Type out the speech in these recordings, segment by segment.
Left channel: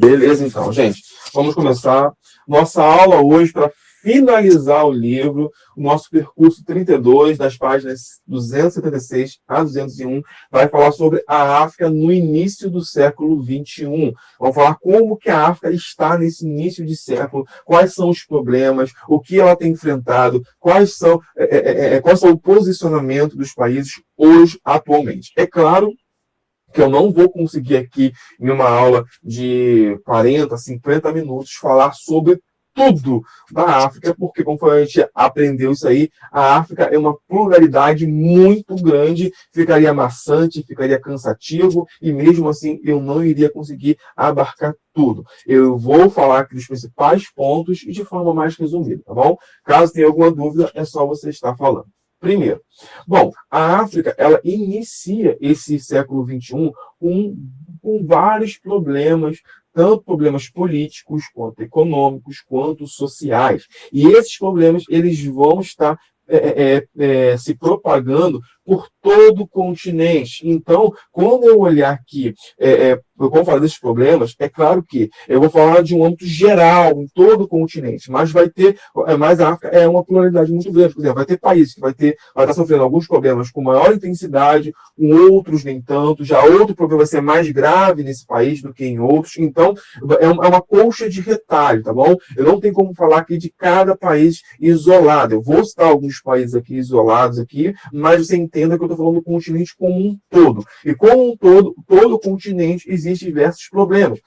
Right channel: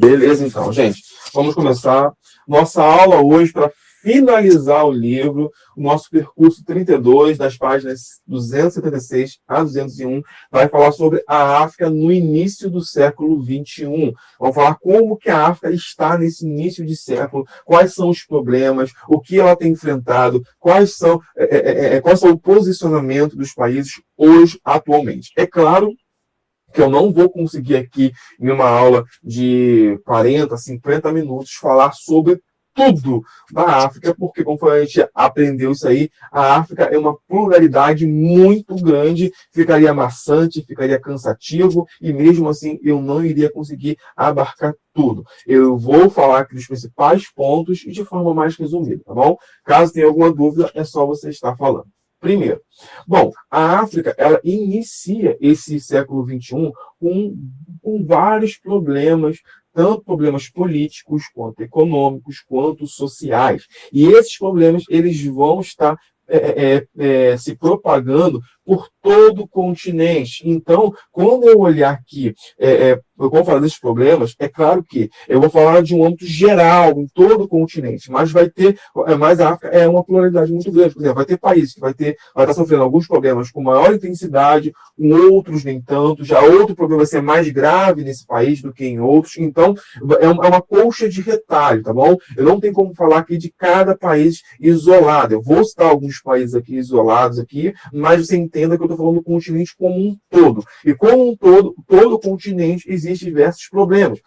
Beleza, então, gente. Vamos começar nossa aula hoje para finalizar o livro, o nosso percurso 32, das páginas 276 a 201, vai falar sobre a África no início do século XXI. Vamos falar como que a África está nesse início de século, quais são os problemas, o que ela tem enfrentado, qual são o posicionamento dos países hoje, atualmente. É claro que eu não vou conseguir aqui, em uma aula de 40, 50 minutos, falar sobre tudo da África, porque, como a gente aprendeu isso aí, a África é uma pluralidade muito grande, ficaria maçante, ficaria cansativo, e mesmo assim eu não iria conseguir abarcar tudo. Eu vou falar aqui dos principais pontos e de forma mais resumida, tá bom? Caso tenha alguma dúvida, é só você estar falando. Primeiro, bom, a África, ela inicia esse século XXI com vários problemas, tanto problemas políticos, quanto econômicos, quanto sociais. E esses problemas, eles vão estar se propagando por todo o continente. Então, quando eu olhar aqui, vou falar desses problemas, é claro que eu vou falar de um âmbito geral, em todo o continente, mas mas a África é uma pluralidade muito grande. Por exemplo, vai ter países que vai estar sofrendo alguns problemas com maior intensidade, outros nem tanto, já outro problema vai ser mais grave nesse país do que em outros. Então, é uma colcha de retalho, tá bom? Eu não tenho como falar aqui de cada país isolado. Eu vou citar alguns países aqui isolados aqui, mas você entenda que eu estou falando do continente como um todo. E como um todo o continente existe diversos problemas.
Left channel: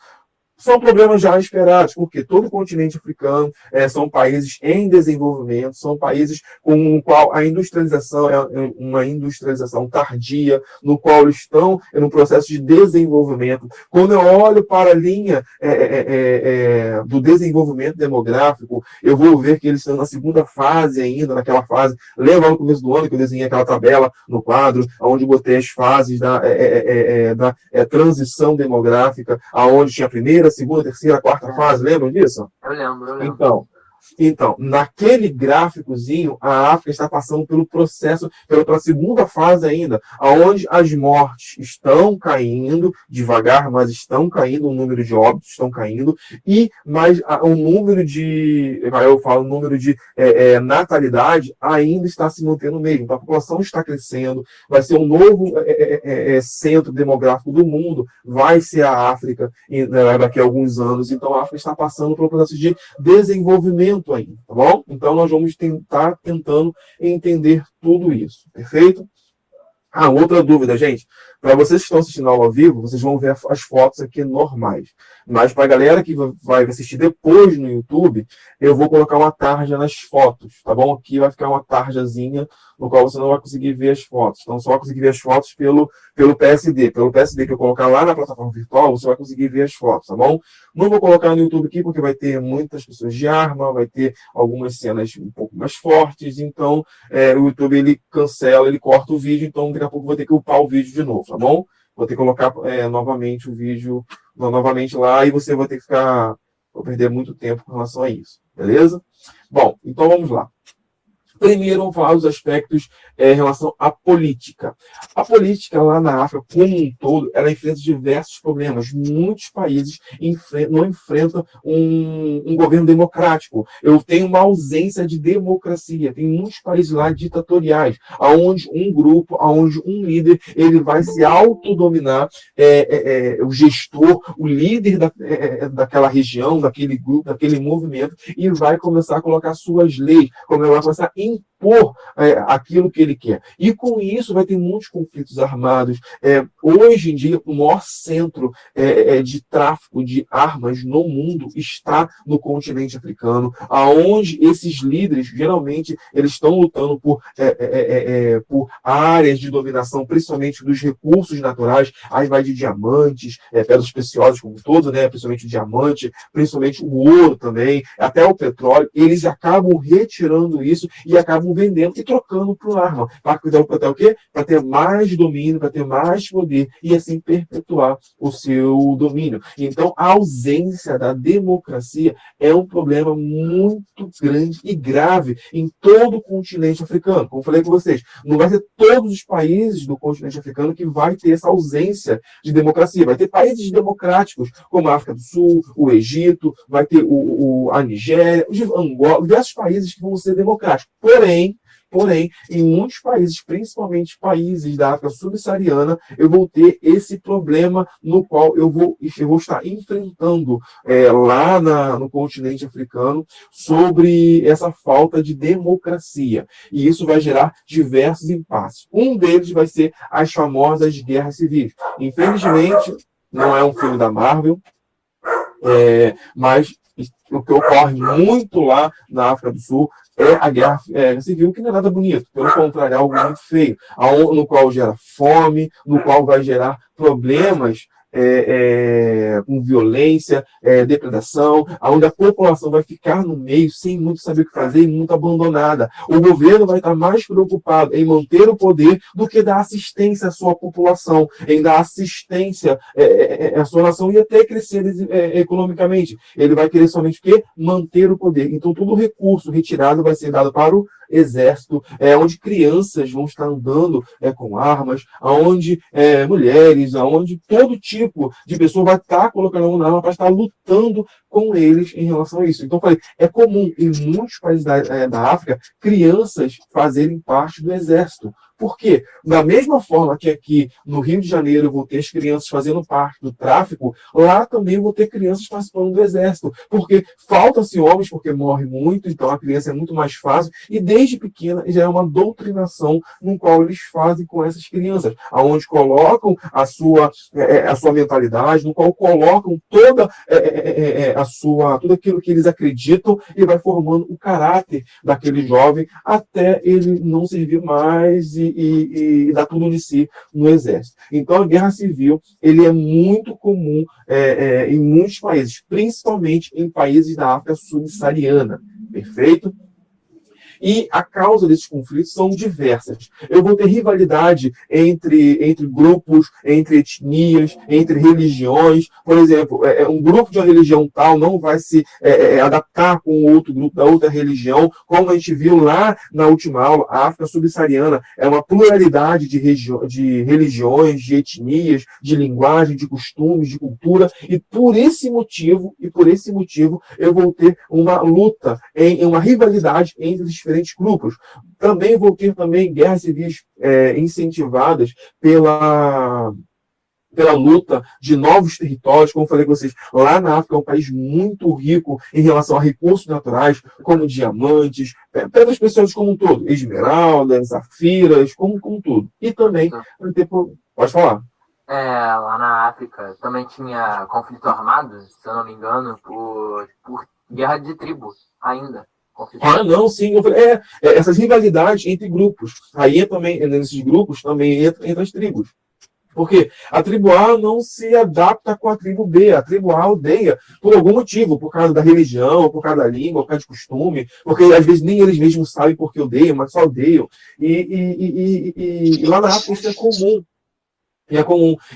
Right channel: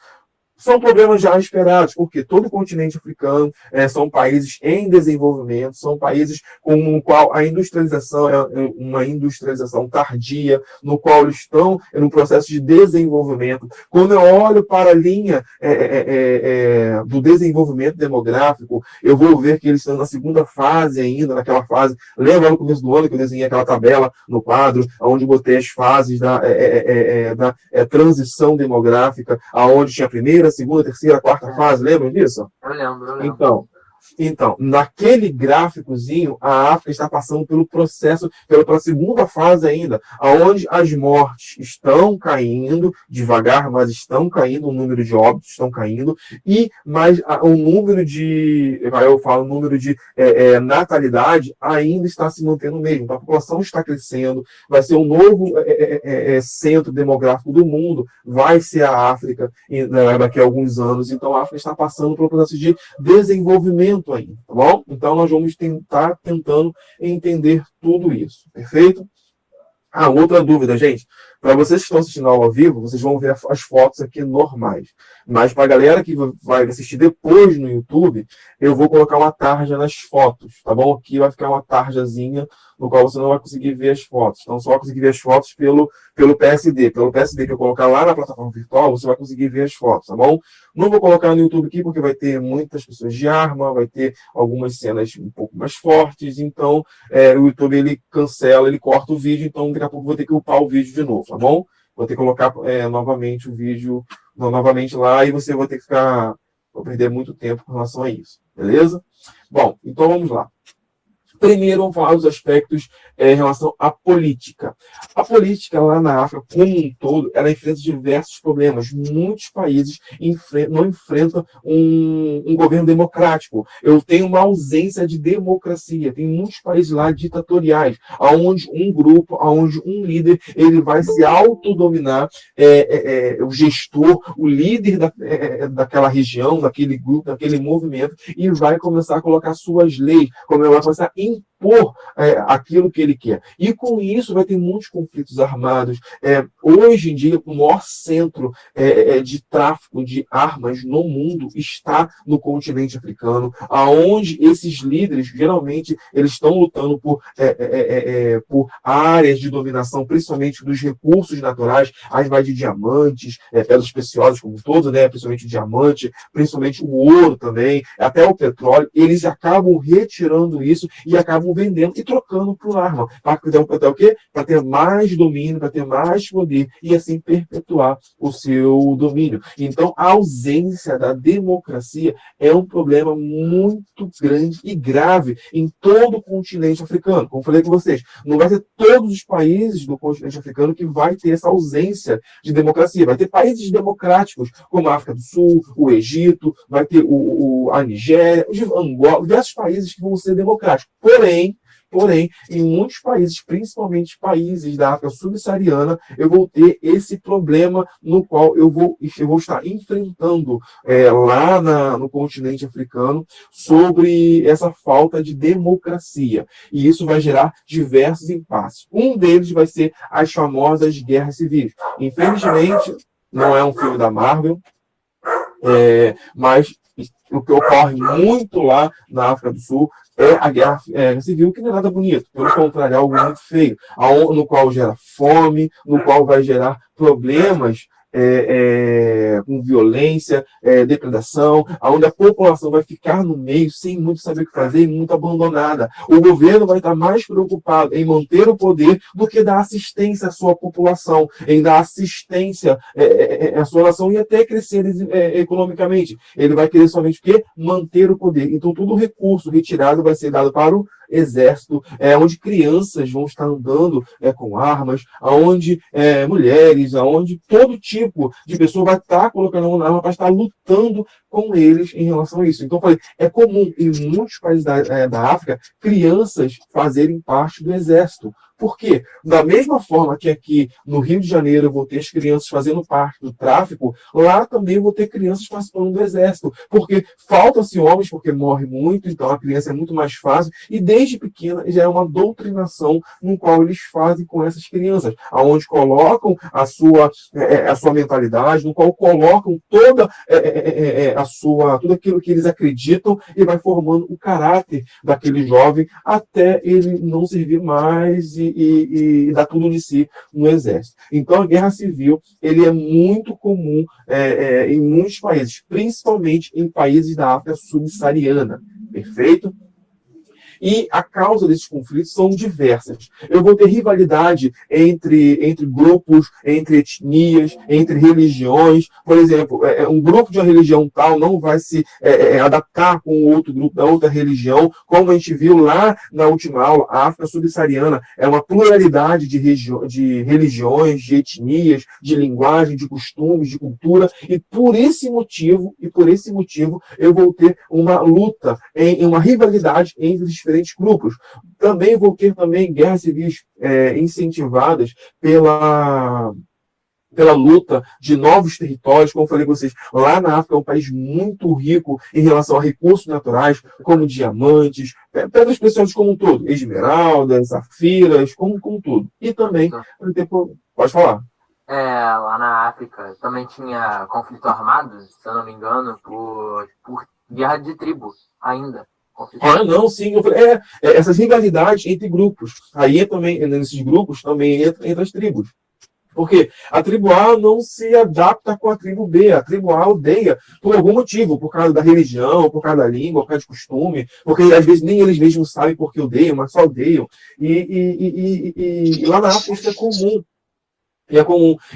São problemas já esperados, porque todo o continente africano são países em desenvolvimento, são países com o qual a industrialização é uma industrialização tardia, no qual eles estão no processo de desenvolvimento. Quando eu olho para a linha do desenvolvimento demográfico, eu vou ver que eles estão na segunda fase ainda, naquela fase. Lembra no começo do ano que eu desenhei aquela tabela no quadro, onde botei as fases da transição demográfica, aonde tinha a primeira, segunda, terceira, quarta fase, lembram disso? Eu lembro. Então, naquele gráficozinho, a África está passando pelo processo, pela segunda fase ainda, onde as mortes estão caindo, devagar, mas estão caindo, o número de óbitos estão caindo, mas o número de natalidade ainda está se mantendo mesmo. Então, a população está crescendo, vai ser um novo centro demográfico do mundo, vai ser a África daqui a alguns anos. Então, a África está passando pelo processo de desenvolvimento ainda, tá bom? Então, nós vamos tentar tentando entender tudo isso, perfeito? Outra dúvida, gente. Para vocês que estão assistindo a aula ao vivo, vocês vão ver as fotos aqui normais. Mas para a galera que vai assistir depois no YouTube, eu vou colocar uma tarja nas fotos, tá bom? Aqui vai ficar uma tarjazinha no qual você não vai conseguir ver as fotos. Então, só vai conseguir ver as fotos pelo PSD. Pelo PSD que eu colocar lá na plataforma virtual, você vai conseguir ver as fotos, tá bom? Não vou colocar no YouTube aqui, porque vai ter muitas pessoas de arma, vai ter algumas cenas um pouco mais fortes, então o YouTube ele cancela, ele corta o vídeo, então daqui a pouco eu vou ter que upar o vídeo de novo, tá bom? Vou ter que colocar novamente o vídeo novamente lá e você vai ter que vou perder muito tempo com relação a isso, beleza? Bom, então vamos lá. Primeiro, vamos falar dos aspectos em relação à política. A política lá na África, como um todo, ela enfrenta diversos problemas. Muitos países não enfrentam um governo democrático. Eu tenho uma ausência de democracia. Tem muitos países lá ditatoriais, onde um grupo, onde um líder, ele vai se autodominar, o gestor, o líder daquela região, daquele grupo, daquele movimento, e vai começar a colocar suas leis, como ela vai começar a impor aquilo que ele quer. E com isso vai ter muitos conflitos armados. Hoje em dia, o maior centro de tráfico de armas no mundo está no continente africano, aonde esses líderes, geralmente, eles estão lutando por áreas de dominação, principalmente dos recursos naturais. Aí vai de diamantes, pedras preciosas como todo, né? Principalmente diamante, principalmente o ouro também, até o petróleo. Eles acabam retirando isso e acabam estavam vendendo e trocando por arma. Para ter o quê? Para ter mais domínio, para ter mais poder e assim perpetuar o seu domínio. Então, a ausência da democracia é um problema muito grande e grave em todo o continente africano. Como eu falei com vocês, não vai ser todos os países do continente africano que vai ter essa ausência de democracia. Vai ter países democráticos, como a África do Sul, o Egito, vai ter a Nigéria, o Angola, diversos países que vão ser democráticos. Porém, em muitos países, principalmente países da África subsaariana, eu vou ter esse problema no qual eu vou estar enfrentando lá no continente africano sobre essa falta de democracia. E isso vai gerar diversos impasses. Um deles vai ser as famosas guerras civis. Infelizmente, não é um filme da Marvel, mas o que ocorre muito lá na África do Sul é a guerra civil, que não é nada bonito, pelo contrário, é algo muito feio, no qual gera fome, no qual vai gerar problemas com violência, depredação, onde a população vai ficar no meio sem muito saber o que fazer e muito abandonada. O governo vai estar mais preocupado em manter o poder do que dar assistência à sua população, em dar assistência à sua nação e até crescer economicamente. Ele vai querer somente o quê? Manter o poder. Então, todo o recurso retirado vai ser dado para o exército, onde crianças vão estar andando com armas, onde mulheres, onde todo tipo de pessoa vai estar colocando uma arma para estar lutando com eles em relação a isso. Então, eu falei, é comum em muitos países da África crianças fazerem parte do exército. Por quê? Da mesma forma que aqui no Rio de Janeiro eu vou ter as crianças fazendo parte do tráfico, lá também eu vou ter crianças participando do exército. Porque faltam-se homens, porque morre muito, então a criança é muito mais fácil. E desde pequena já é uma doutrinação no qual eles fazem com essas crianças, aonde colocam a sua mentalidade, no qual colocam toda tudo aquilo que eles acreditam e vai formando o caráter daquele jovem até ele não servir mais e dar tudo de si no exército. Então, a guerra civil ele é muito comum em muitos países, principalmente em países da África subsaariana. Perfeito? E a causa desses conflitos são diversas. Eu vou ter rivalidade entre grupos, entre etnias, entre religiões. Por exemplo, um grupo de uma religião tal não vai se adaptar com o outro grupo da outra religião, como a gente viu lá na última aula. A África subsaariana é uma pluralidade de religiões, de etnias, de linguagem, de costumes, de cultura, e por esse motivo eu vou ter uma luta, uma rivalidade entre os diferentes grupos. Também vou ter guerras civis incentivadas pela luta de novos territórios. Como eu falei com vocês, lá na África é um país muito rico em relação a recursos naturais, como diamantes, pedras preciosas como um todo, esmeraldas, safiras, como tudo. E também, pode falar. Lá na África também tinha conflito armado, se eu não me engano, por guerra de tribo ainda. Não, sim. Essas rivalidades entre grupos. Aí também, nesses grupos, também entra as tribos. Porque a tribo A não se adapta com a tribo B. A tribo A odeia por algum motivo, por causa da religião, por causa da língua, por causa de costume, porque às vezes nem eles mesmos sabem por que odeiam, mas só odeiam. E lá na África isso é comum.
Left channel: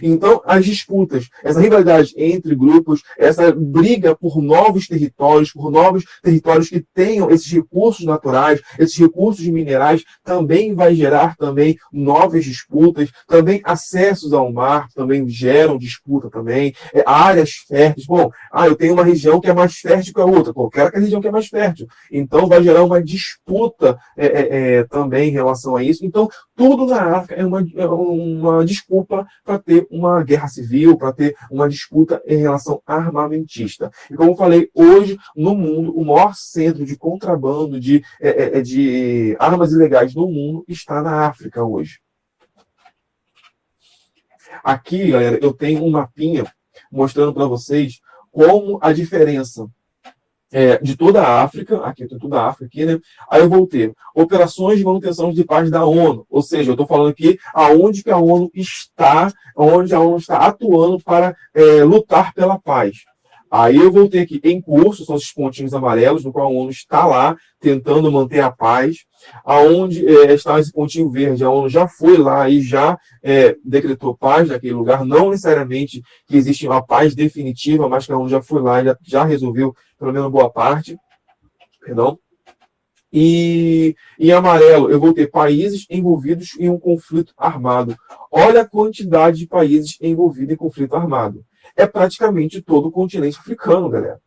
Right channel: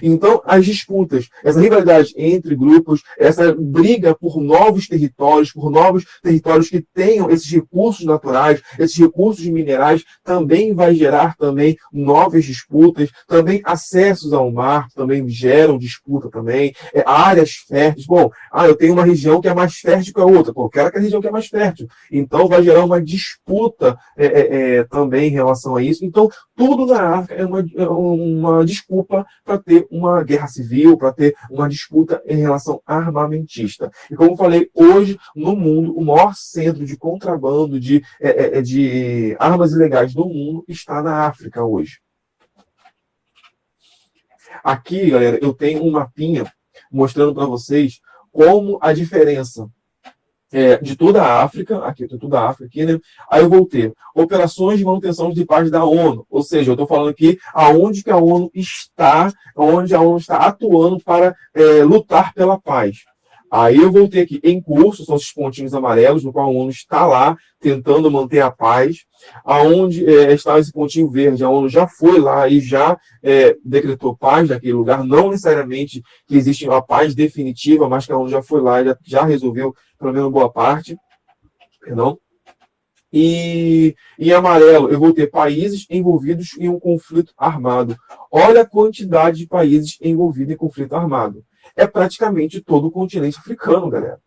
Então, as disputas, essa rivalidade entre grupos, essa briga por novos territórios que tenham esses recursos naturais, esses recursos minerais, também vai gerar também novas disputas, também acessos ao mar, também geram disputa também, áreas férteis. Bom, eu tenho uma região que é mais fértil que a outra, quero aquela região que é mais fértil. Então, vai gerar uma disputa também em relação a isso. Então, tudo na África é uma desculpa para ter uma guerra civil, para ter uma disputa em relação armamentista. E como eu falei, hoje, no mundo, o maior centro de contrabando de armas ilegais do mundo está na África hoje. Aqui, galera, eu tenho um mapinha mostrando para vocês como a diferença de toda a África, aqui tem toda a África aqui, né? Aí eu vou ter operações de manutenção de paz da ONU, ou seja, eu estou falando aqui aonde que a ONU está, onde a ONU está atuando para lutar pela paz. Aí eu vou ter aqui em curso, são esses pontinhos amarelos, no qual a ONU está lá tentando manter a paz. Aonde está esse pontinho verde, a ONU já foi lá e já decretou paz naquele lugar, não necessariamente que existe uma paz definitiva, mas que a ONU já foi lá e já resolveu pelo menos boa parte. Perdão. E em amarelo, eu vou ter países envolvidos em um conflito armado. Olha a quantidade de países envolvidos em conflito armado. É praticamente todo o continente africano, galera.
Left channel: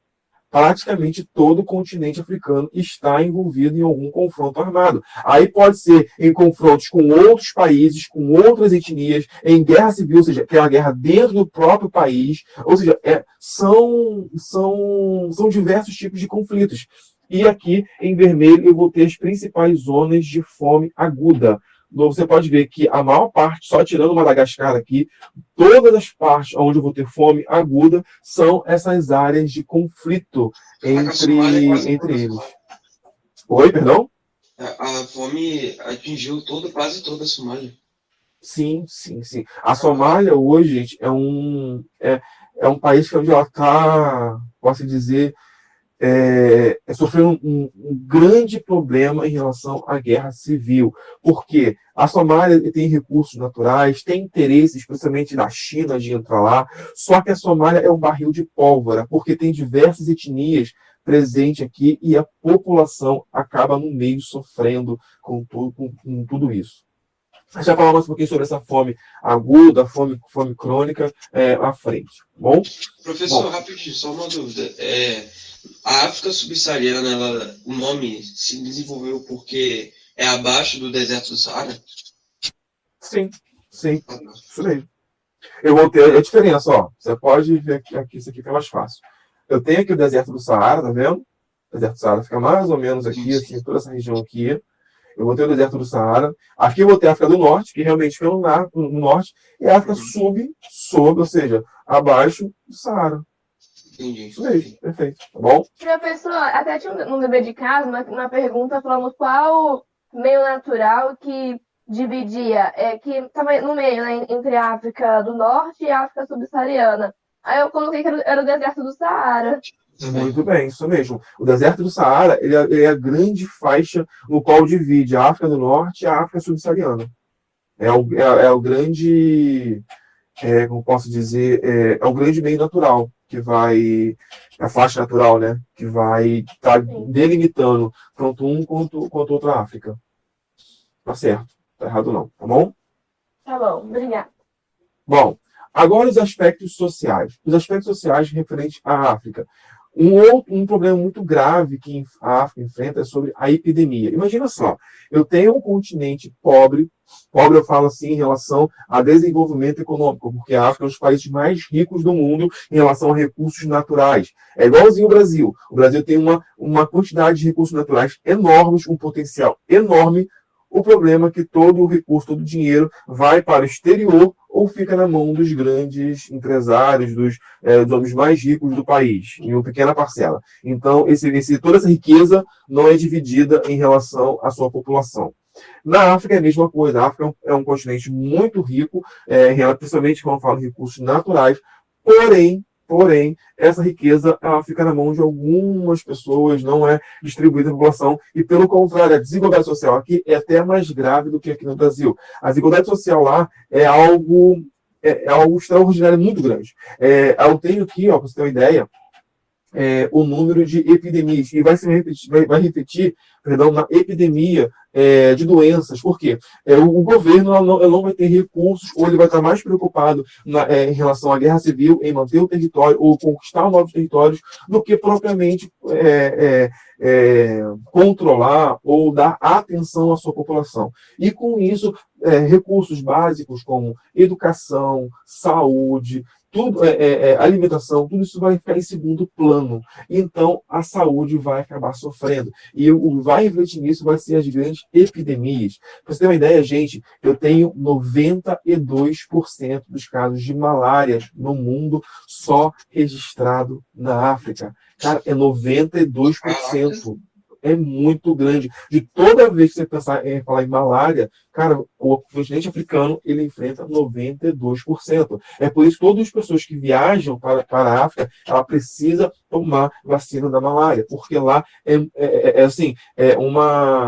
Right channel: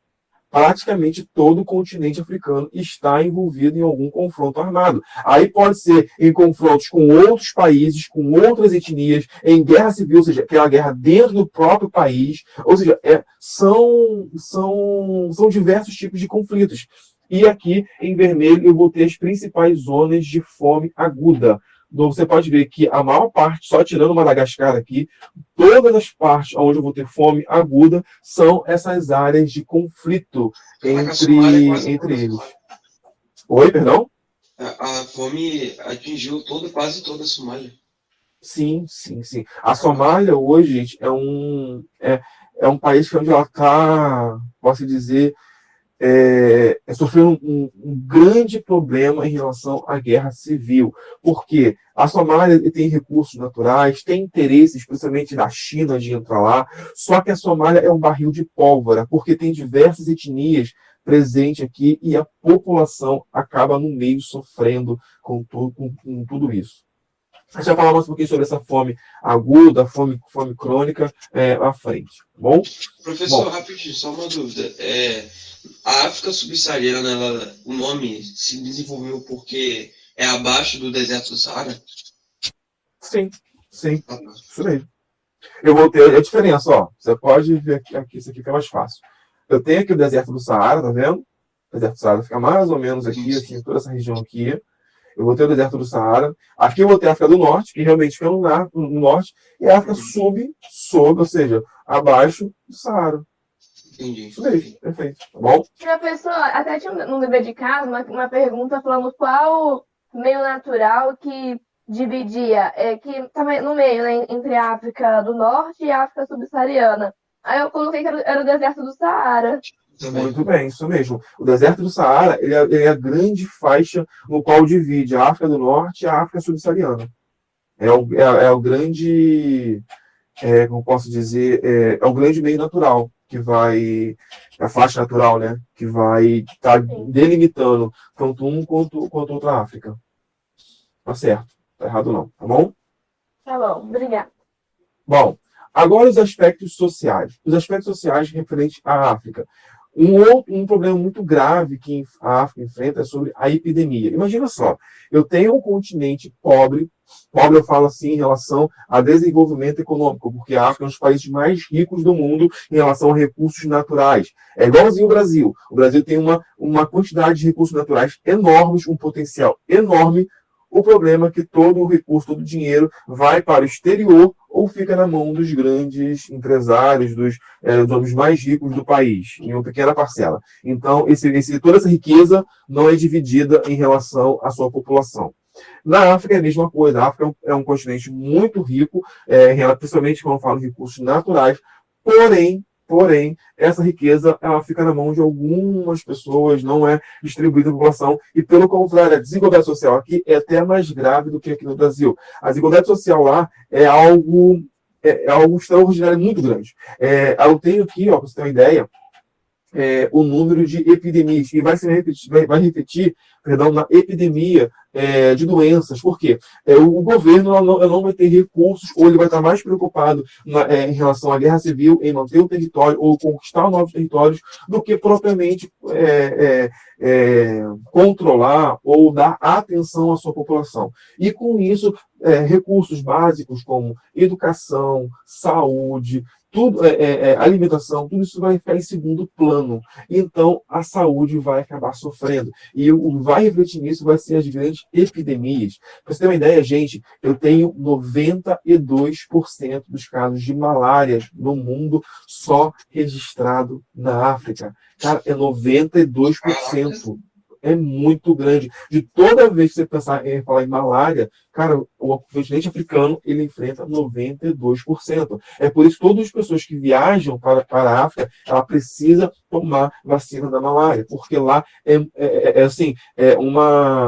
Praticamente todo o continente africano está envolvido em algum confronto armado. Aí pode ser em confrontos com outros países, com outras etnias, em guerra civil, ou seja, que é uma guerra dentro do próprio país. Ou seja, são diversos tipos de conflitos. E aqui, em vermelho, eu vou ter as principais zonas de fome aguda. Então, você pode ver que a maior parte, só tirando Madagascar aqui, todas as partes onde eu vou ter fome aguda são essas áreas de conflito entre eles. Oi, perdão? A fome atingiu quase toda a Somália. Sim, sim, sim. A Somália hoje, gente, é um país que onde ela está, posso dizer, sofreu um grande problema em relação à guerra civil, porque a Somália tem recursos naturais, tem interesse, especialmente da China, de entrar lá, só que a Somália é um barril de pólvora, porque tem diversas etnias presentes aqui e a população acaba no meio sofrendo com tudo isso. A gente vai falar mais um pouquinho sobre essa fome aguda, fome crônica à frente, tá bom? Professor, rapidinho, só uma dúvida. A África subsaariana, o nome se desenvolveu porque é abaixo do deserto do Saara? Sim, sim. Isso aí. Eu vou ter a diferença, ó. Você pode ver aqui, isso aqui fica mais fácil. Eu tenho aqui o deserto do Saara, tá vendo? O deserto do Saara fica mais ou menos aqui, assim, toda essa região aqui. Eu vou ter o deserto do Saara. Aqui eu vou ter a África do Norte, que realmente fica no norte, e a África ou seja, abaixo do Saara. Entendi. Isso mesmo, perfeito. Tá bom? Professor, até tinha no dever de casa uma pergunta falando qual meio natural que dividia, que estava no meio, né, entre a África do Norte e a África subsaariana. Aí eu coloquei que era o deserto do Saara. Muito bem, isso mesmo. O deserto do Saara ele é a grande faixa no qual divide a África do Norte e a África subsaariana. É o grande, como posso dizer, é o grande meio natural que vai, a faixa natural, né, que vai estar delimitando tanto um quanto outra África. Tá certo, tá errado não, tá bom? Tá bom, obrigada. Bom, agora os aspectos sociais. Os aspectos sociais referentes à África. Um problema muito grave que a África enfrenta é sobre a epidemia. Imagina só, eu tenho um continente pobre eu falo assim em relação a desenvolvimento econômico, porque a África é um dos países mais ricos do mundo em relação a recursos naturais. É igualzinho o Brasil. O Brasil tem uma quantidade de recursos naturais enormes, um potencial enorme. O problema é que todo o recurso, todo o dinheiro vai para o exterior ou fica na mão dos grandes empresários, dos homens mais ricos do país, em uma pequena parcela. Então, toda essa riqueza não é dividida em relação à sua população. Na África é a mesma coisa. A África é um continente muito rico, principalmente quando eu falo de recursos naturais, porém, essa riqueza ela fica na mão de algumas pessoas, não é distribuída à população, e pelo contrário, a desigualdade social aqui é até mais grave do que aqui no Brasil. A desigualdade social lá é algo extraordinário, muito grande. Eu tenho aqui, para você ter uma ideia, o número de epidemias, e vai refletir na epidemia de doenças. Por quê? O governo não vai ter recursos, ou ele vai estar mais preocupado em relação à guerra civil, em manter o território, ou conquistar novos territórios, do que propriamente controlar ou dar atenção à sua população. E com isso, recursos básicos como educação, saúde, tudo, alimentação, tudo isso vai ficar em segundo plano. Então, a saúde vai acabar sofrendo. E o vai refletir nisso vai ser as grandes epidemias. Para você ter uma ideia, gente, eu tenho 92% dos casos de malária no mundo só registrado na África. Cara, é 92%. é muito grande. De toda vez que você pensar em falar em malária, cara, o continente africano, ele enfrenta 92%. É por isso que todas as pessoas que viajam para a África, ela precisa tomar vacina da malária, porque lá assim,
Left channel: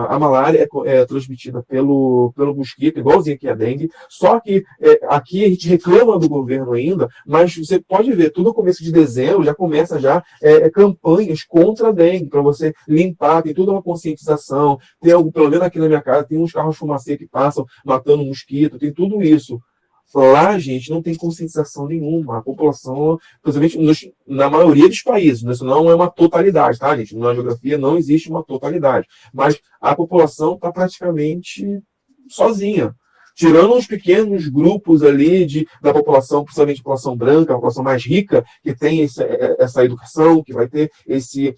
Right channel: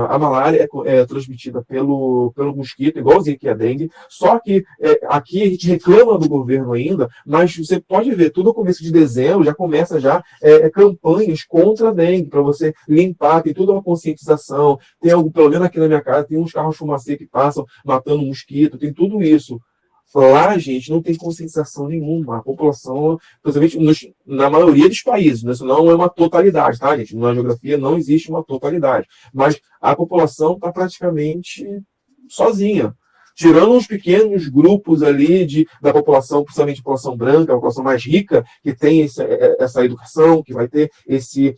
a malária é transmitida pelo mosquito, igualzinho que a dengue, só que aqui a gente reclama do governo ainda, mas você pode ver, tudo no começo de dezembro já começa campanhas contra a dengue, para você limpar, tem toda uma conscientização, tem algo, pelo menos aqui na minha casa, tem uns carros fumacê que passam matando mosquito, tem tudo isso. Lá, gente, não tem conscientização nenhuma. A população, principalmente na maioria dos países, né? Isso não é uma totalidade, tá, gente? Na geografia não existe uma totalidade. Mas a população está praticamente sozinha. Tirando uns pequenos grupos ali da população, principalmente a população branca, a população mais rica, que tem essa educação, que vai ter esse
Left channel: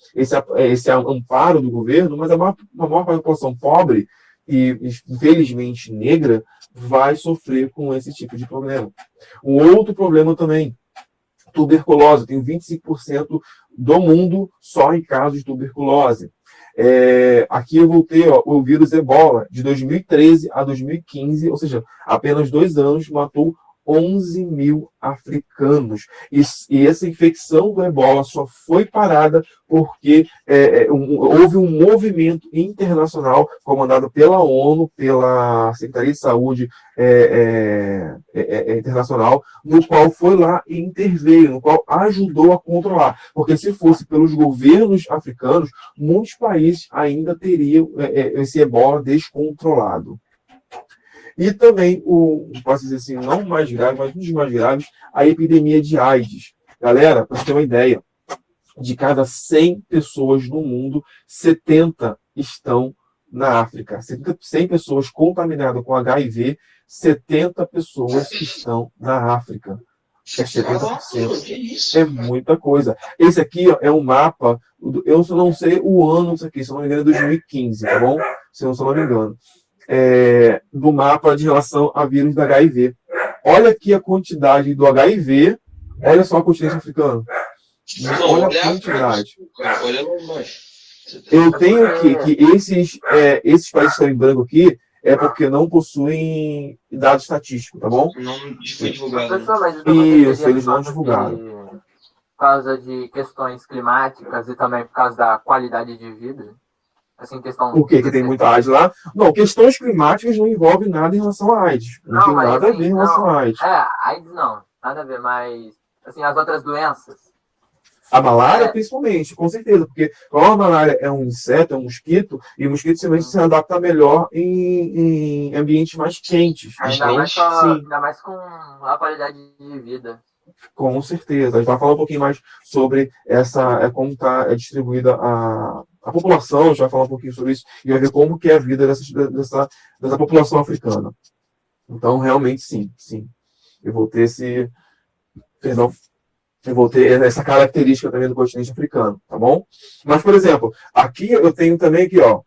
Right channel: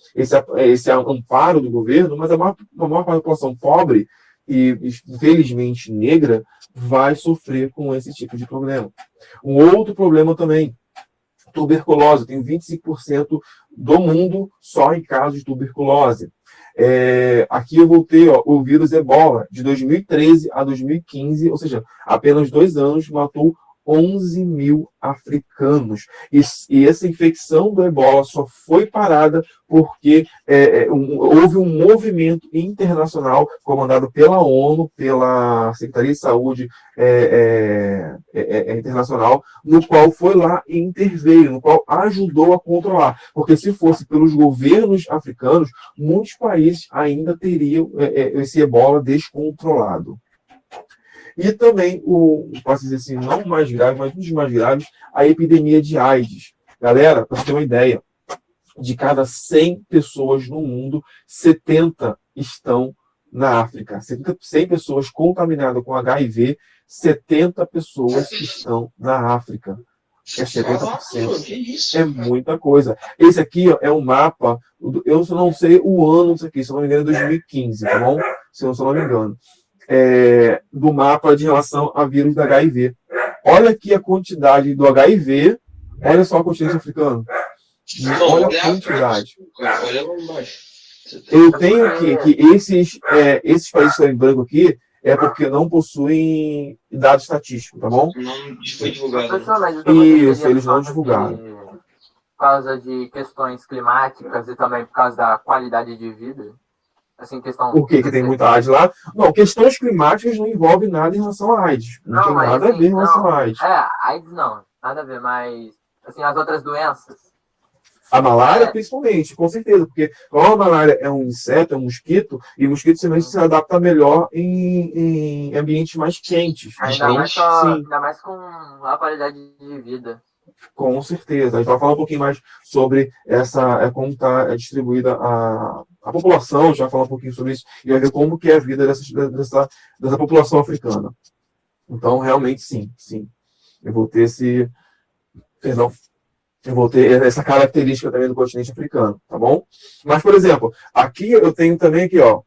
amparo do governo, mas a maior parte da população pobre e, infelizmente, negra, vai sofrer com esse tipo de problema. Um outro problema também, tuberculose. Tem 25% do mundo só em casos de tuberculose. Aqui eu vou ter o vírus Ebola, de 2013 a 2015, ou seja, apenas 2 anos, matou 11 mil africanos. E essa infecção do Ebola só foi parada porque houve um movimento internacional comandado pela ONU, pela Secretaria de Saúde Internacional, no qual foi lá e interveio, no qual ajudou a controlar. Porque se fosse pelos governos africanos, muitos países ainda teriam esse Ebola descontrolado. E também, posso dizer assim, não o mais grave, mas um dos mais graves, a epidemia de AIDS. Galera, para você ter uma ideia, de cada 100 pessoas no mundo, 70 estão na África. 100 pessoas contaminadas com HIV, 70 pessoas estão na África. É 70%. É muita coisa. Esse aqui é um mapa, eu não sei o ano disso aqui, se não me engano é 2015, tá bom? Se eu não me engano. Do mapa de relação a vírus da HIV. Olha aqui a quantidade do HIV. Olha só o continente africano. Olha a quantidade. Olha lá embaixo. Eu tenho aqui que esses países que estão em branco aqui é porque não possuem dados estatísticos, tá bom? Não foi divulgado. Isso, eles não divulgaram. Por causa de questões climáticas e também por causa da qualidade de vida. Assim, questão... Por que tem muita AIDS lá? Não, questões climáticas não envolvem nada em relação à AIDS. Não tem nada a ver em relação à AIDS. AIDS não, nada a ver, mas assim, as outras doenças. A malária, principalmente, com certeza, porque como a malária é um inseto, é um mosquito, e o mosquito simplesmente se adapta melhor em ambientes mais quentes. Ainda mais com a qualidade de vida. Com certeza. A gente vai falar um pouquinho mais sobre como está distribuída a população, a gente vai falar um pouquinho sobre isso e vai ver como que é a vida dessa população africana. Então, realmente, sim. Eu vou ter essa característica também do continente africano, tá bom? Mas, por exemplo, aqui eu tenho também aqui, ó,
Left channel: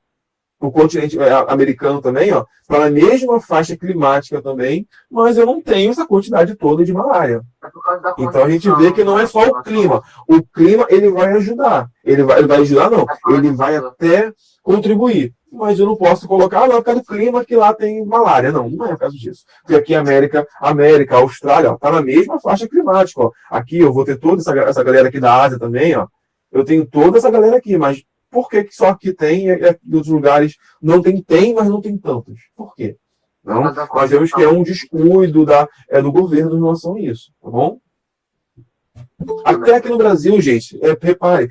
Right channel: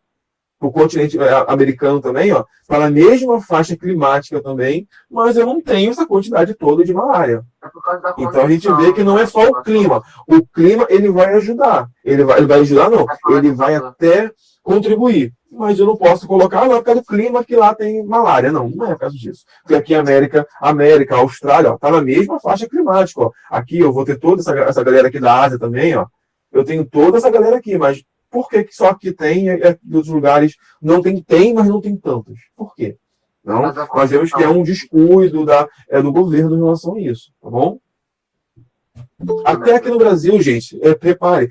o continente americano também, ó, para a mesma faixa climática também, mas eu não tenho essa quantidade toda de malária. Então a gente vê que não é só o clima. O clima, ele vai ajudar. Ele vai ajudar, não. Ele vai até contribuir. Mas eu não posso colocar lá por causa do clima que lá tem malária. Não é por causa disso. Porque aqui América, Austrália, ó, tá na mesma faixa climática. Ó. Aqui eu vou ter toda essa galera aqui da Ásia também, ó. Eu tenho toda essa galera aqui, mas por que só aqui tem e em outros lugares não tem, mas não tem tantos? Por quê? Não? Nós vemos que é um descuido do governo em relação a isso, tá bom? Até aqui no Brasil, gente, repare,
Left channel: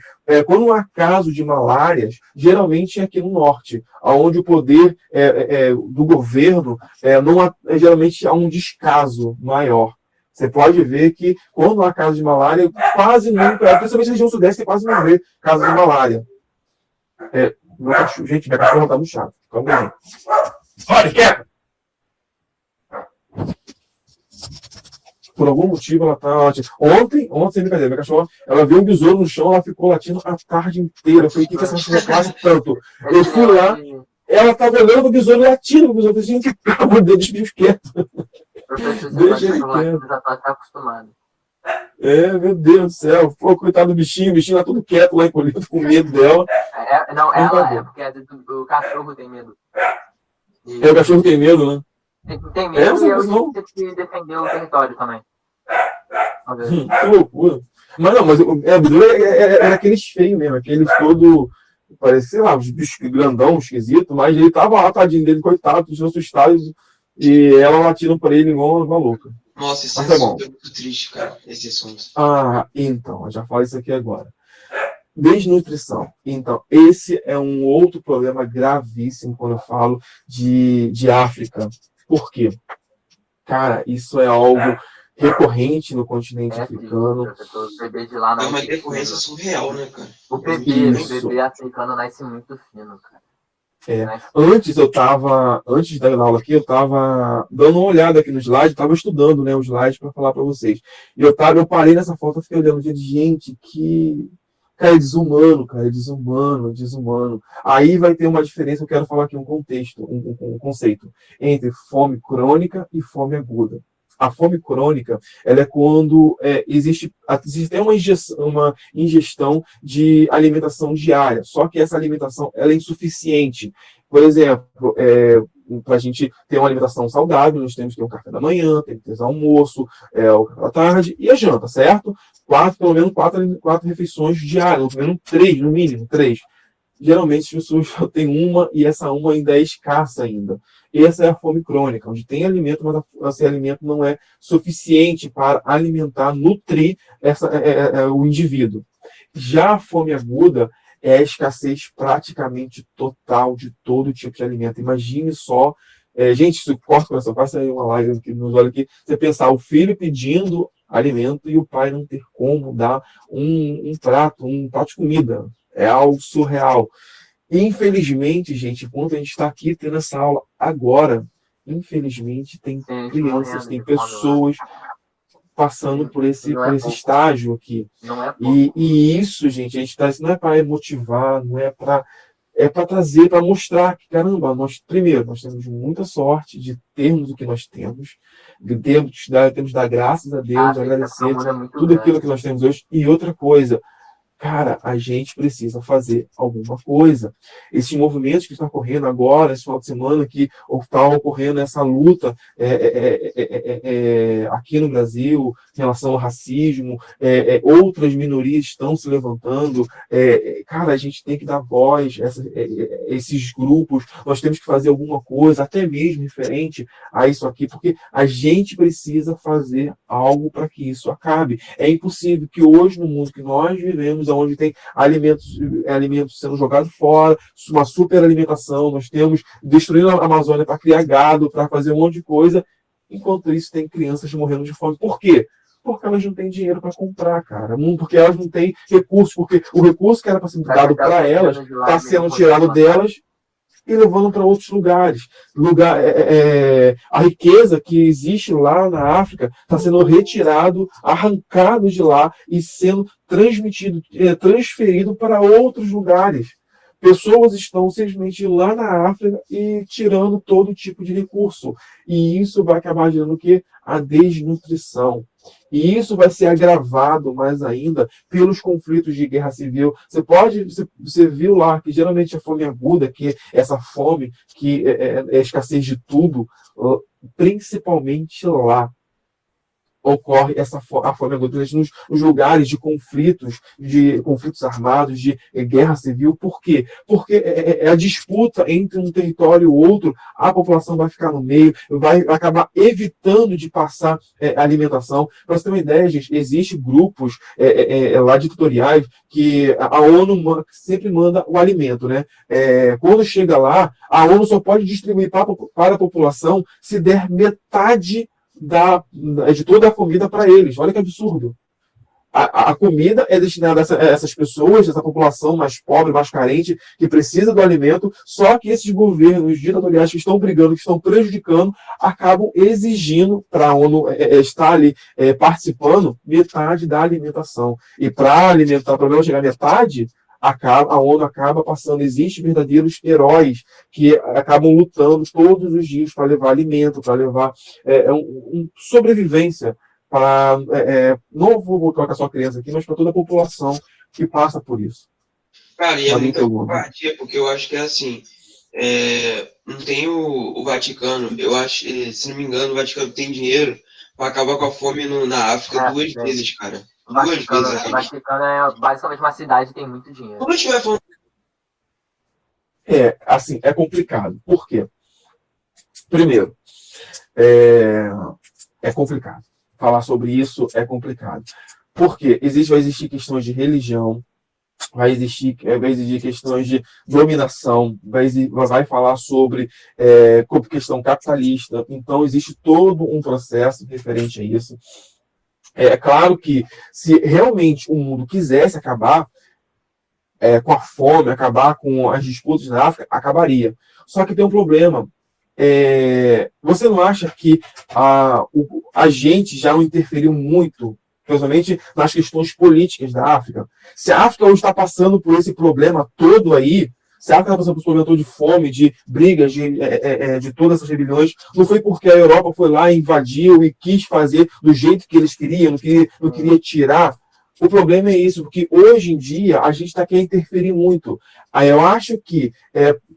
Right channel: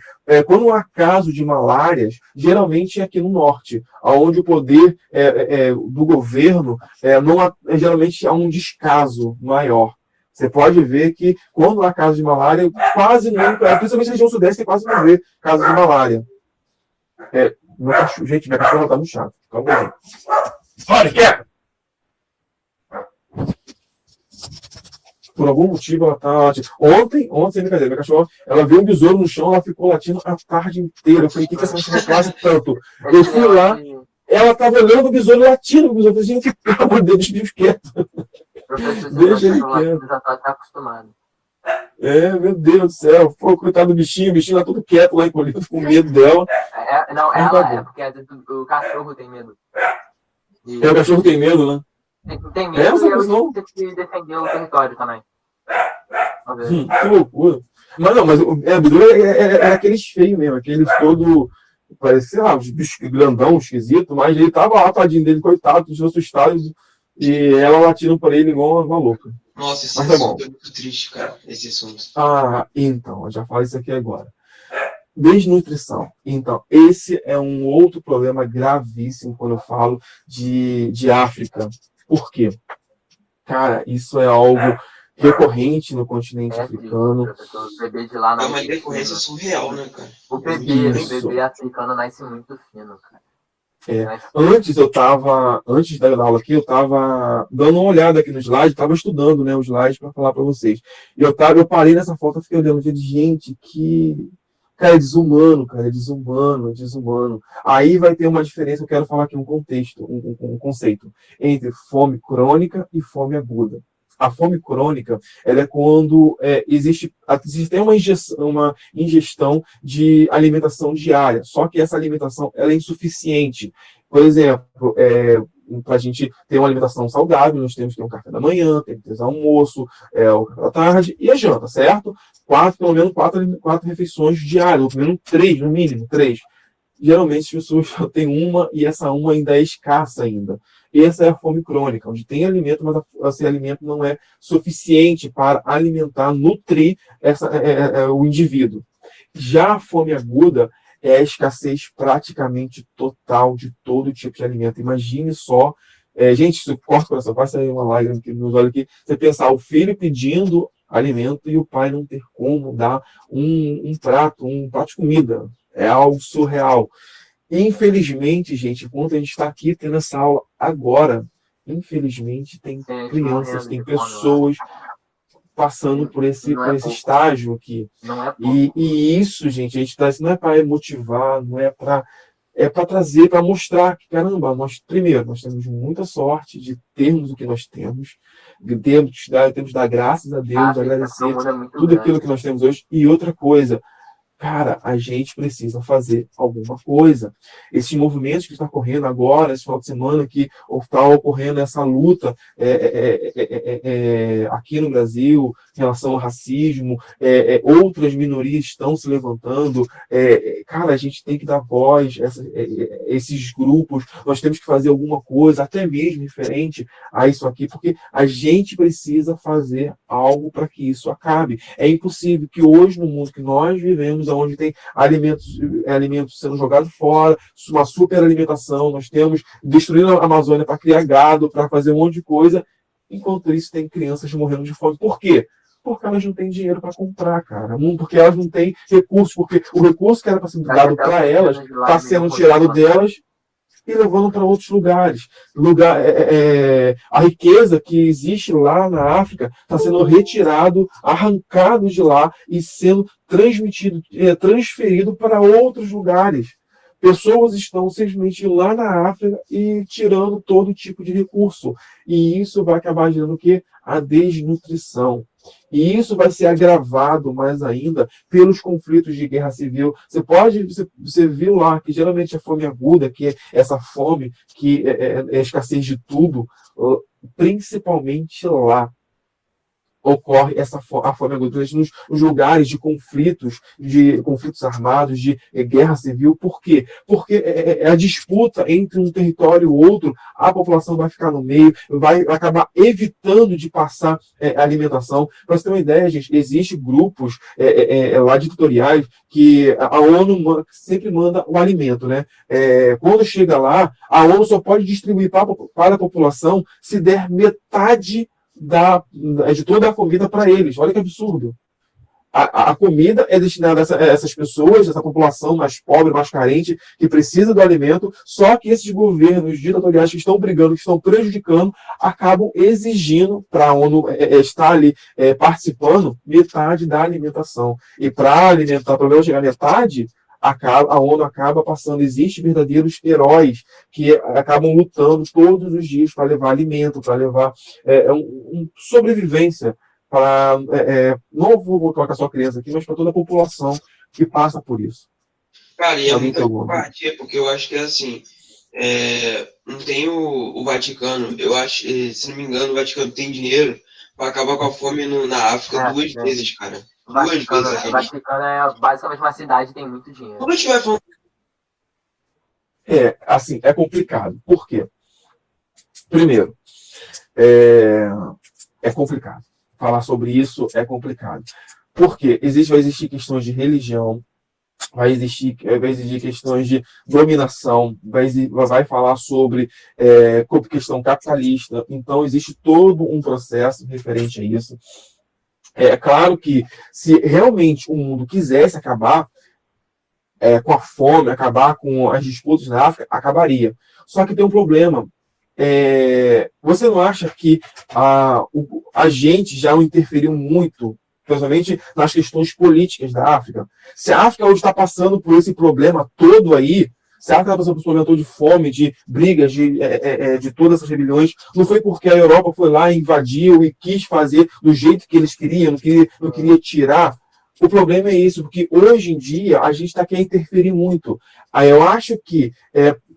quando há caso de malárias, geralmente é aqui no norte, onde o poder do governo geralmente há um descaso maior. Você pode ver que quando há caso de malária, quase nunca, principalmente na região sudeste, você quase não vê casos de malária. Gente, minha cachorra tá muito chata. Calma aí. Olha, quer! Por algum motivo ela tá latindo. Ontem, sem brincadeira, minha cachorra, ela viu um besouro no chão, ela ficou latindo a tarde inteira. Eu falei, o que essa cachorra faz tanto? Eu fui lá, ela tava olhando o besouro latindo o besouro. Eu falei, gente, pelo amor de Deus, deixa o bicho quieto. Deixa ele quieto. Já tá acostumado. Meu Deus do céu. Pô, coitado do bichinho, o bichinho tá tudo quieto lá encolhido, com medo dela. Não, Por ela favor. é porque às vezes o cachorro tem medo. O cachorro tem medo, né? Tem medo Essa e eu pessoa. tive que defender o território também. Às vezes. Que loucura. Mas não, mas o Besouro era aqueles feios mesmo, aqueles todo. Parecia, sei lá, os bichos grandão, esquisito, mas ele tava lá, tadinho dele, coitado, todos assustados, e ela latindo por ele igual uma louca. Nossa, esse Mas tá bom. assunto é muito triste, cara, esse assunto. Então, eu já falei isso aqui agora. Desnutrição. Então, esse é um outro problema gravíssimo quando eu falo de África. Por quê? Cara, isso é algo recorrente no continente africano. Professor, o bebê de lá É não uma tem decorrência fino. surreal, né, cara? O bebê Isso. africano nasce muito fino, cara. Antes da aula aqui, eu estava dando uma olhada aqui no slide, estava estudando, né, o slide para falar para vocês. E eu parei nessa foto, fiquei olhando, gente, que cara, é desumano, cara, é desumano, é desumano. Aí vai ter uma diferença, eu quero falar aqui um contexto, um conceito entre fome crônica e fome aguda. A fome crônica, ela é quando existe até uma ingestão de alimentação diária, só que essa alimentação ela é insuficiente. Por exemplo, para a gente ter uma alimentação saudável, nós temos que ter um café da manhã, tem que ter o almoço, o café da tarde e a janta, certo? Pelo menos quatro refeições diárias, ou pelo menos três, no mínimo, três. Geralmente as pessoas só têm uma e essa uma ainda é escassa ainda. Essa é a fome crônica, onde tem alimento, mas esse alimento não é suficiente para alimentar, nutrir o indivíduo. Já a fome aguda é a escassez praticamente total de todo tipo de alimento. Imagine só, gente, isso corta o coração, passa aí uma lágrima que nos olha aqui, você pensar o filho pedindo alimento e o pai não ter como dar um prato de comida. É algo surreal. Infelizmente, gente, enquanto a gente está aqui tendo essa aula agora, infelizmente tem crianças, tem pessoas passando por esse estágio aqui. E isso, gente, a gente está, não é para motivar, não é para trazer, para mostrar que, caramba, primeiro, nós temos muita sorte de termos o que nós temos, temos de dar graças a Deus, agradecer tudo aquilo que nós temos hoje. E outra coisa, cara, a gente precisa fazer alguma coisa. Esses movimentos que estão ocorrendo agora, esse final de semana, que está ocorrendo essa luta aqui no Brasil, em relação ao racismo, outras minorias estão se levantando. Cara, a gente tem que dar voz a esses grupos, nós temos que fazer alguma coisa, até mesmo diferente a isso aqui, porque a gente precisa fazer algo para que isso acabe. É impossível que hoje, no mundo que nós vivemos, onde tem alimentos sendo jogados fora, uma superalimentação, nós temos destruindo a Amazônia para criar gado, para fazer um monte de coisa, enquanto isso tem crianças morrendo de fome. Por quê? Porque elas não têm dinheiro para comprar, cara. Porque elas não têm recursos, porque o recurso que era para ser dado para elas está sendo tirado delas e levando para outros lugares. A riqueza que existe lá na África está sendo retirado, arrancado de lá e sendo transferido para outros lugares. Pessoas estão simplesmente lá na África e tirando todo tipo de recurso. E isso vai acabar gerando o quê? A desnutrição. E isso vai ser agravado mais ainda pelos conflitos de guerra civil. Você viu lá que geralmente a fome aguda, que é essa fome que é escassez de tudo, principalmente lá ocorre a fome aguda nos lugares de conflitos armados, de guerra civil. Por quê? Porque a disputa entre um território e outro, a população vai ficar no meio, vai acabar evitando de passar alimentação. Para você ter uma ideia, gente, existem grupos lá ditatoriais que a ONU sempre manda o alimento, né? Quando chega lá, a ONU só pode distribuir para a população se der metade de toda a comida para eles. Olha que absurdo. A comida é destinada a essas pessoas, essa população mais pobre, mais carente, que precisa do alimento, só que esses governos ditatoriais que estão brigando, que estão prejudicando, acabam exigindo para a ONU estar ali participando metade da alimentação. E para alimentar, para chegar a metade, a ONU acaba passando. Existem verdadeiros heróis que acabam lutando todos os dias para levar alimento, para levar sobrevivência para não vou colocar só criança aqui, mas para toda a população que passa por isso. Cara, e é Alguém muita tem alguma? covardia, porque eu acho que é assim, não tem o Vaticano, eu acho, se não me engano, o Vaticano tem dinheiro para acabar com a fome na África duas vezes, cara. Duas vezes, O gente. Vaticano é basicamente uma cidade que tem muito dinheiro. Quando a gente vai falando. Assim, é complicado. Por quê? Primeiro, é complicado. Falar sobre isso é complicado. Porque vai existir questões de religião, vai existir questões de dominação, vai falar sobre questão capitalista. Então, existe todo um processo referente a isso. É claro que, se realmente o mundo quisesse acabar com a fome, acabar com as disputas na África, acabaria. Só que tem um problema. Você não acha que a gente já não interferiu muito, principalmente nas questões políticas da África? Se a África hoje está passando por esse problema todo aí, se a África está passando por esse problema todo de fome, de brigas, de todas essas rebeliões, não foi porque a Europa foi lá e invadiu e quis fazer do jeito que eles queriam, não queria tirar. O problema é isso, porque hoje em dia a gente quer interferir muito. Aí eu acho que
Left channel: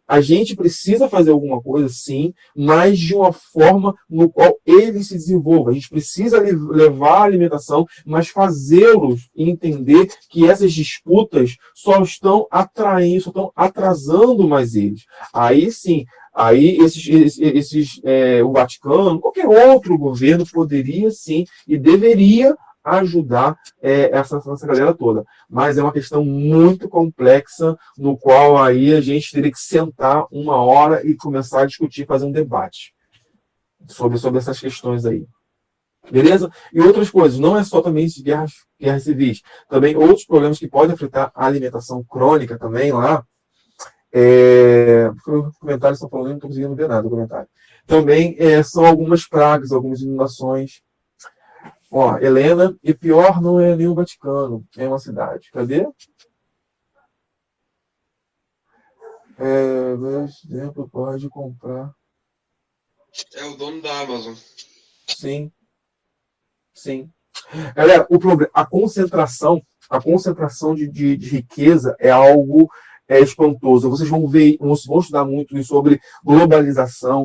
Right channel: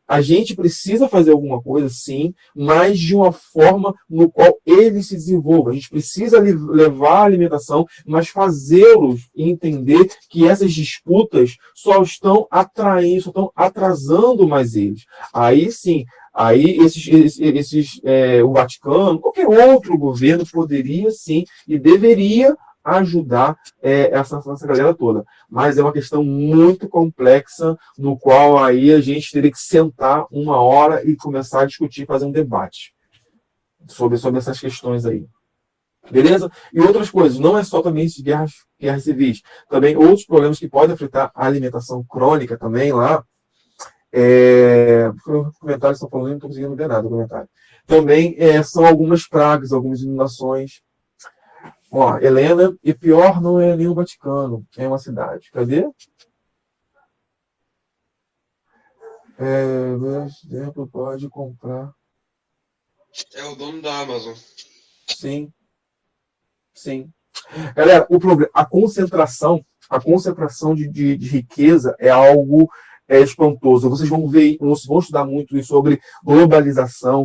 a gente precisa fazer alguma coisa, sim, mas de uma forma no qual ele se desenvolva. A gente precisa levar a alimentação, mas fazê-los entender que essas disputas só estão atraindo, só estão atrasando mais eles. Aí sim, o Vaticano, qualquer outro governo poderia sim e deveria ajudar essa galera toda. Mas é uma questão muito complexa, no qual aí a gente teria que sentar uma hora e começar a discutir, fazer um debate sobre essas questões aí. Beleza? E outras coisas, não é só também de guerras civis, também outros problemas que podem afetar a alimentação crônica também lá. Os comentários estão falando, não estou conseguindo ver nada no comentário. Também são algumas pragas, algumas inundações. Ó, Helena, e pior não é nem o Vaticano, é uma cidade. Cadê? Exemplo, pode comprar. É o dono da Amazon. Sim. Galera, o problema, a concentração de riqueza é algo espantoso. Vocês vão estudar muito sobre globalização,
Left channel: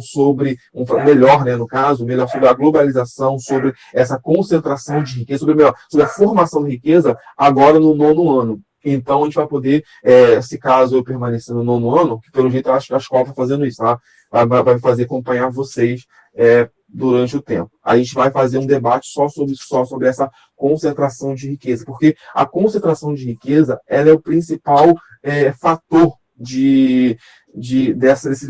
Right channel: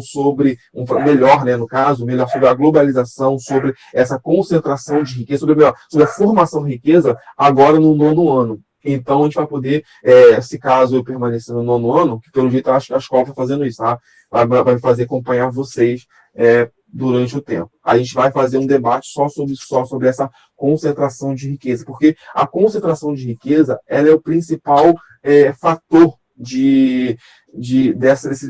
melhor, né, no caso, melhor sobre a globalização, sobre essa concentração de riqueza, sobre a formação de riqueza agora no 9º ano. Então, a gente vai poder, se caso eu permanecer no 9º ano, que pelo jeito acho que a escola está fazendo isso, tá? Vai fazer acompanhar vocês durante o tempo. A gente vai fazer um debate só sobre essa concentração de riqueza, porque a concentração de riqueza ela é o principal fator desses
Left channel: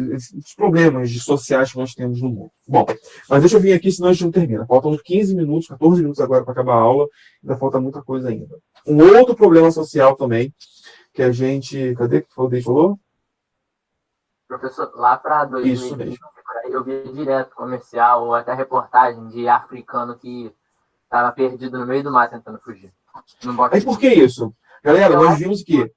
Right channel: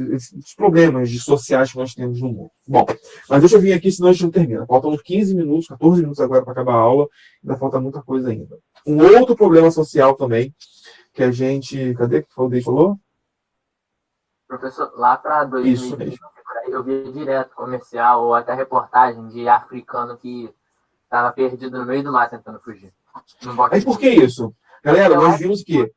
problemas sociais que nós temos no mundo. Bom, mas deixa eu vir aqui, senão a gente não termina. Faltam 15 minutos, 14 minutos agora para acabar a aula, ainda falta muita coisa ainda. Um outro problema social também, que a gente... Cadê que foi o Dei falou? Professor, lá para 2020, eu vi direto comercial ou até reportagem de africano que estava perdido no meio do mar tentando fugir. Mas por que isso? Galera, nós vimos que...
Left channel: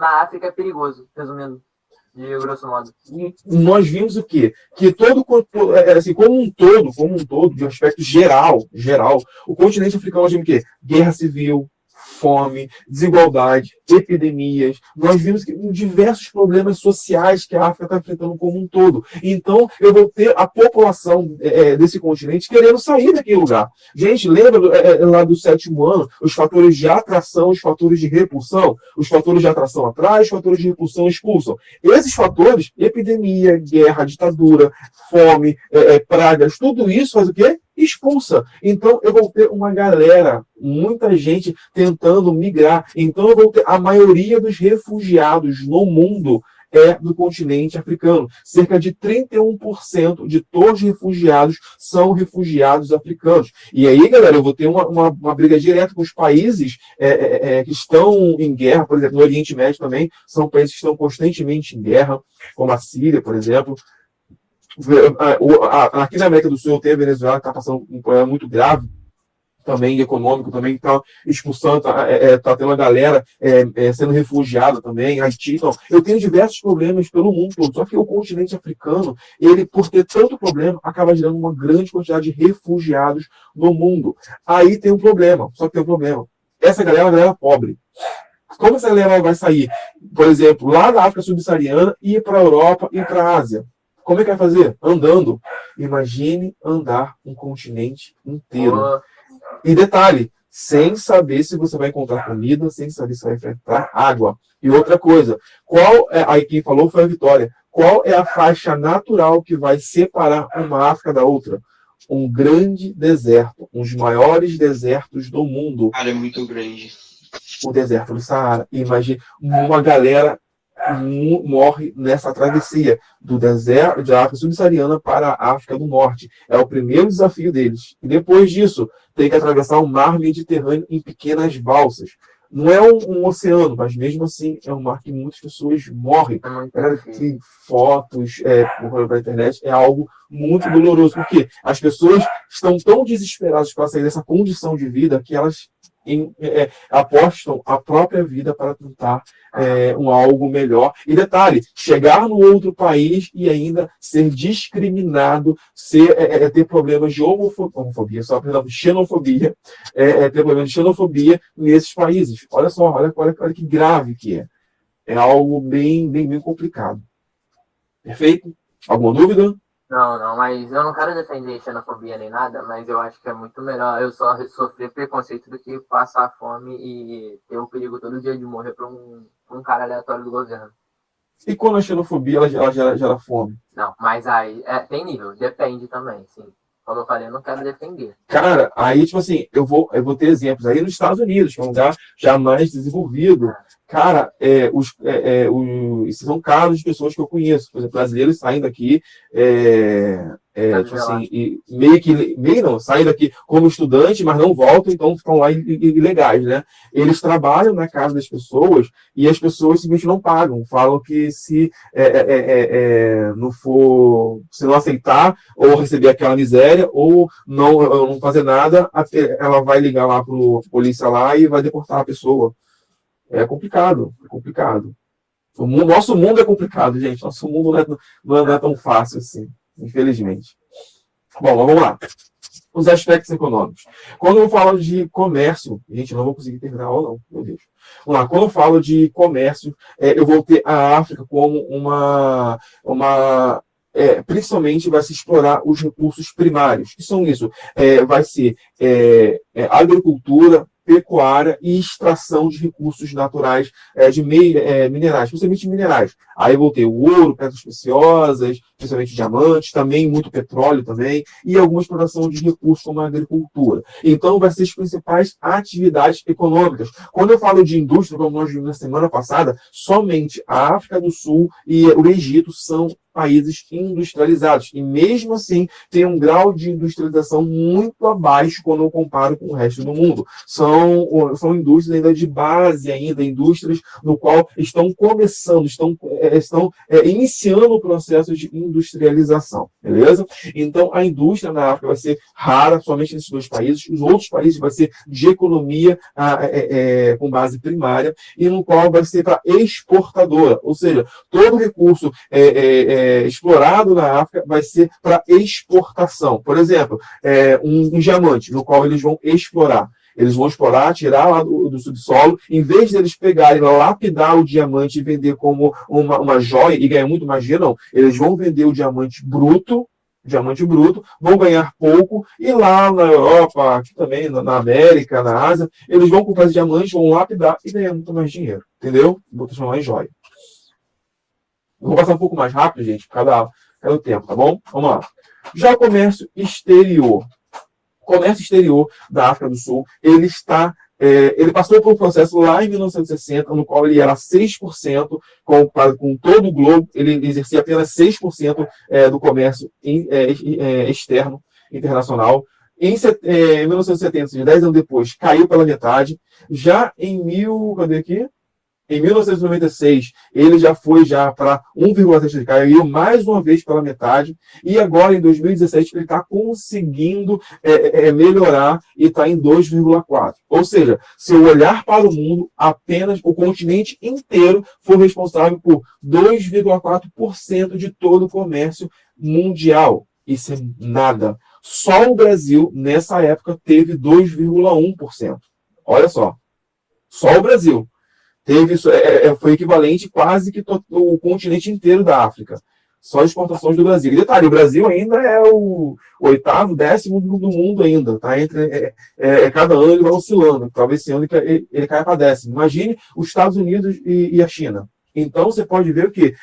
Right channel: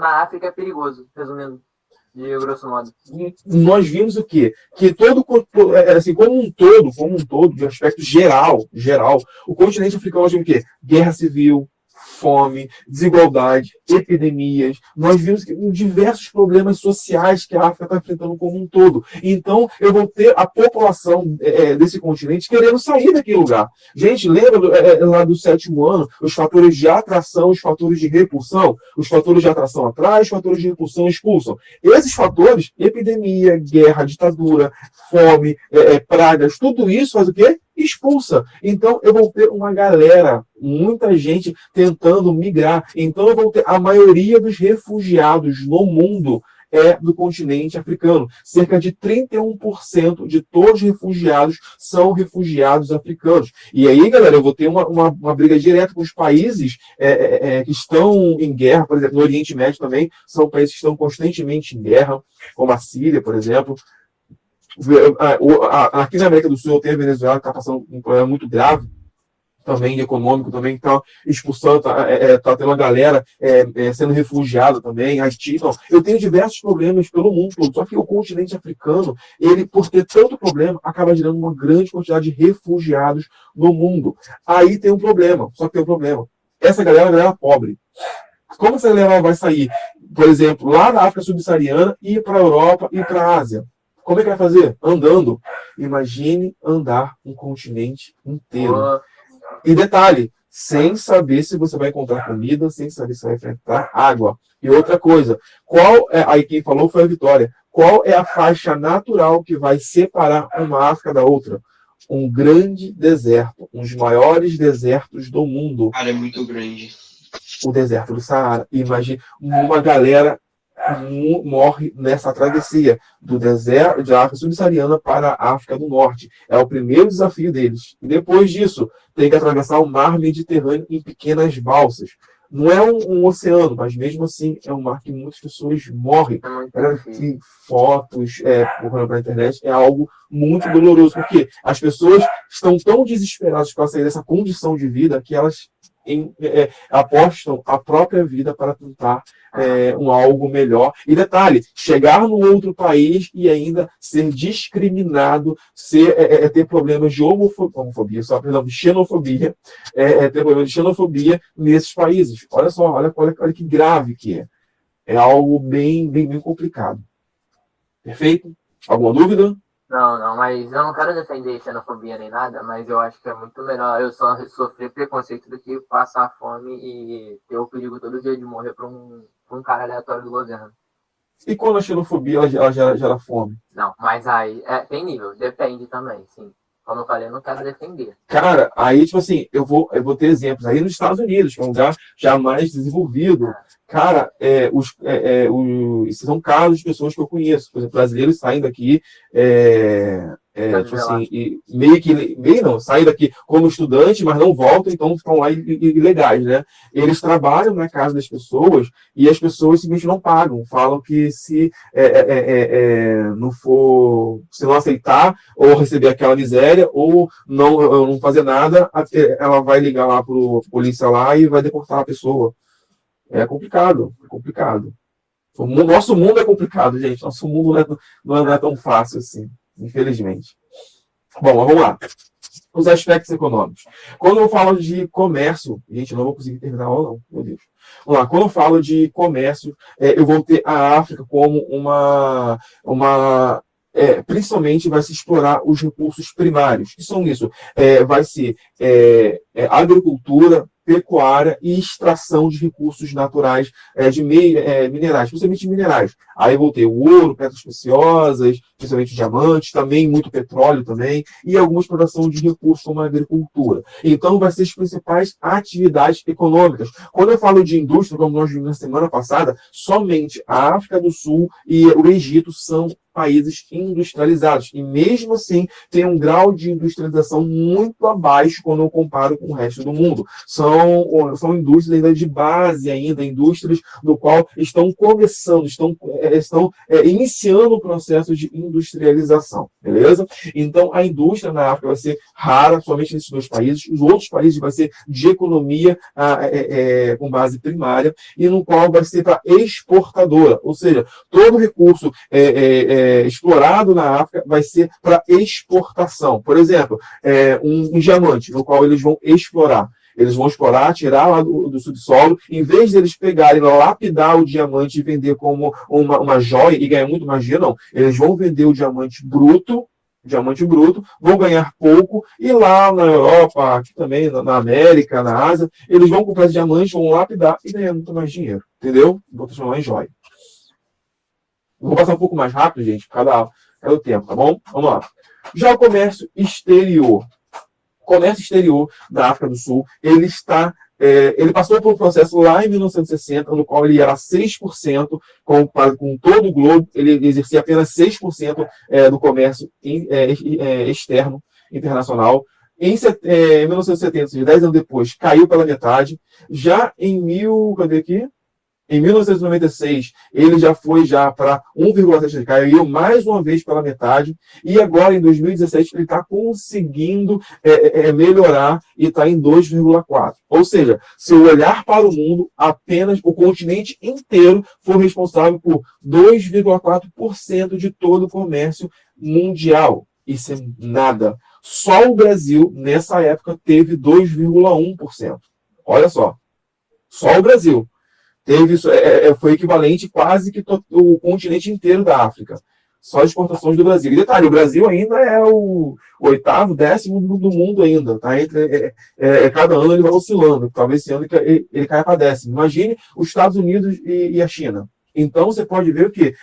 Na África é perigoso, resumindo, de grosso modo. Nós vimos o quê? Que assim, como um todo, de um aspecto geral, o continente africano nós vimos o quê? Guerra civil, fome, desigualdade, epidemias. Nós vimos que diversos problemas sociais que a África está enfrentando como um todo. Então, eu vou ter a população desse continente querendo sair daquele lugar. Gente, lembra lá do 7º ano, os fatores de atração, os fatores de repulsão? Os fatores de atração atraem, os fatores de repulsão expulsam. Esses fatores, epidemia, guerra, ditadura, fome, pragas, tudo isso faz o quê? Expulsa. Então, eu vou ter uma galera, muita gente tentando migrar. Então, eu vou ter a maioria dos refugiados no mundo do continente africano. Cerca de 31% de todos os refugiados são refugiados africanos. E aí, galera, eu vou ter uma briga direta com os países que estão em guerra, por exemplo, no Oriente Médio também, são países que estão constantemente em guerra, como a Síria, por exemplo. Aqui na América do Sul tem a Venezuela, que está passando um problema muito grave, também econômico, também está expulsando, tá tendo uma galera sendo refugiada também, Haiti. Então, eu tenho diversos problemas pelo mundo todo, só que o continente africano, ele, por ter tanto problema, acaba gerando uma grande quantidade de refugiados no mundo. Aí tem um problema, só que tem um problema. Essa galera é uma galera pobre. Como essa galera vai sair, por exemplo, lá da África subsaariana e ir para a Europa e para a Ásia? Como é que vai fazer? Andando. Imagine andar um continente inteiro. E detalhe, sem saber se você vai encontrar comida, sem saber se vai enfrentar água. E outra coisa, aí quem falou foi a Vitória. Qual é a faixa natural que vai separar uma África da outra? Um grande deserto, um dos maiores desertos do mundo. Cara, é muito grande. O deserto do Saara. Imagine, uma galera morre nessa travessia do deserto de África subsaariana para a África do Norte. É o primeiro desafio deles. E depois disso, tem que atravessar o mar Mediterrâneo em pequenas balsas. Não é um oceano, mas mesmo assim é um mar que muitas pessoas morrem. Tem fotos pela internet, é algo muito doloroso, porque as pessoas estão tão desesperadas para sair dessa condição de vida que elas apostam a própria vida para tentar algo melhor. E detalhe, chegar no outro país e ainda ser discriminado, ter problemas de xenofobia, ter problemas de xenofobia nesses países. Olha só, olha que grave que é. É algo bem, bem, bem complicado. Perfeito? Alguma dúvida? Não, mas eu não quero defender xenofobia nem nada, mas eu acho que é muito melhor eu só sofrer preconceito do que passar fome e ter o perigo todo dia de morrer por um cara aleatório do governo. E quando a xenofobia ela gera fome? Não, mas aí tem nível, depende também, sim. Como eu falei, eu não quero defender. Cara, aí, tipo assim, eu vou ter exemplos. Aí nos Estados Unidos, que é um lugar já mais desenvolvido, cara, esses são casos de pessoas que eu conheço. Por exemplo, brasileiros saem daqui, tipo assim, saem daqui como estudante, mas não voltam, então ficam lá ilegais, né? Eles trabalham na casa das pessoas e as pessoas simplesmente não pagam. Falam que se não aceitar ou receber aquela miséria ou não fazer nada, ela vai ligar lá pro polícia lá e vai deportar a pessoa. É complicado, é complicado. Nosso mundo é complicado, gente. Nosso mundo não é tão fácil assim, infelizmente. Bom, vamos lá. Os aspectos econômicos. Quando eu falo de comércio, gente, eu não vou conseguir terminar a aula, não, meu Deus. Vamos lá. Quando eu falo de comércio, eu vou ter a África como principalmente vai se explorar os recursos primários. Que são isso? Vai ser agricultura, pecuária e extração de recursos naturais minerais, principalmente minerais. Aí vou ter o ouro, pedras preciosas, principalmente diamantes, também muito petróleo também, e alguma exploração de recursos como a agricultura. Então, vai ser as principais atividades econômicas. Quando eu falo de indústria, como nós vimos na semana passada, somente a África do Sul e o Egito são países industrializados. E mesmo assim, tem um grau de industrialização muito abaixo quando eu comparo com o resto do mundo. São indústrias ainda de base, indústrias no qual estão começando, estão iniciando o processo de industrialização. Beleza? Então, a indústria na África vai ser rara, somente nesses dois países. Os outros países vai ser de economia com base primária, e no qual vai ser para exportadora. Ou seja, todo recurso explorado na África vai ser para exportação. Por exemplo, um diamante, no qual eles vão explorar. Eles vão explorar, tirar lá do subsolo, em vez de eles pegarem, lapidar o diamante e vender como uma joia e ganhar muito mais dinheiro, não. Eles vão vender o diamante bruto, vão ganhar pouco, e lá na Europa, aqui também, na América, na Ásia, eles vão comprar esse diamante, vão lapidar e ganhar muito mais dinheiro. Entendeu? Vou transformar em joia. Vou passar um pouco mais rápido, gente, por causa do tempo, tá bom? Vamos lá. Já o comércio exterior. O comércio exterior da África do Sul, ele passou por um processo lá em 1960, no qual ele era 6%, com todo o globo, ele exercia apenas 6% do comércio externo, internacional. Em 1970, 10 anos depois, caiu pela metade. Já em cadê aqui? Em 1996, ele já foi para 1,3, caiu mais uma vez pela metade, e agora em 2017 ele está conseguindo melhorar e está em 2,4. Ou seja, se eu olhar para o mundo, apenas o continente inteiro foi responsável por 2,4% de todo o comércio mundial. Isso é nada. Só o Brasil, nessa época, teve 2,1%. Olha só. Só o Brasil. Teve isso, foi equivalente quase que o continente inteiro da África. Só exportações do Brasil. E detalhe, o Brasil ainda é o 8º, 10º do mundo ainda. Tá? Cada ano ele vai oscilando. Talvez esse ano ele caia para 10º. Imagine os Estados Unidos e a China. Então, você pode ver que,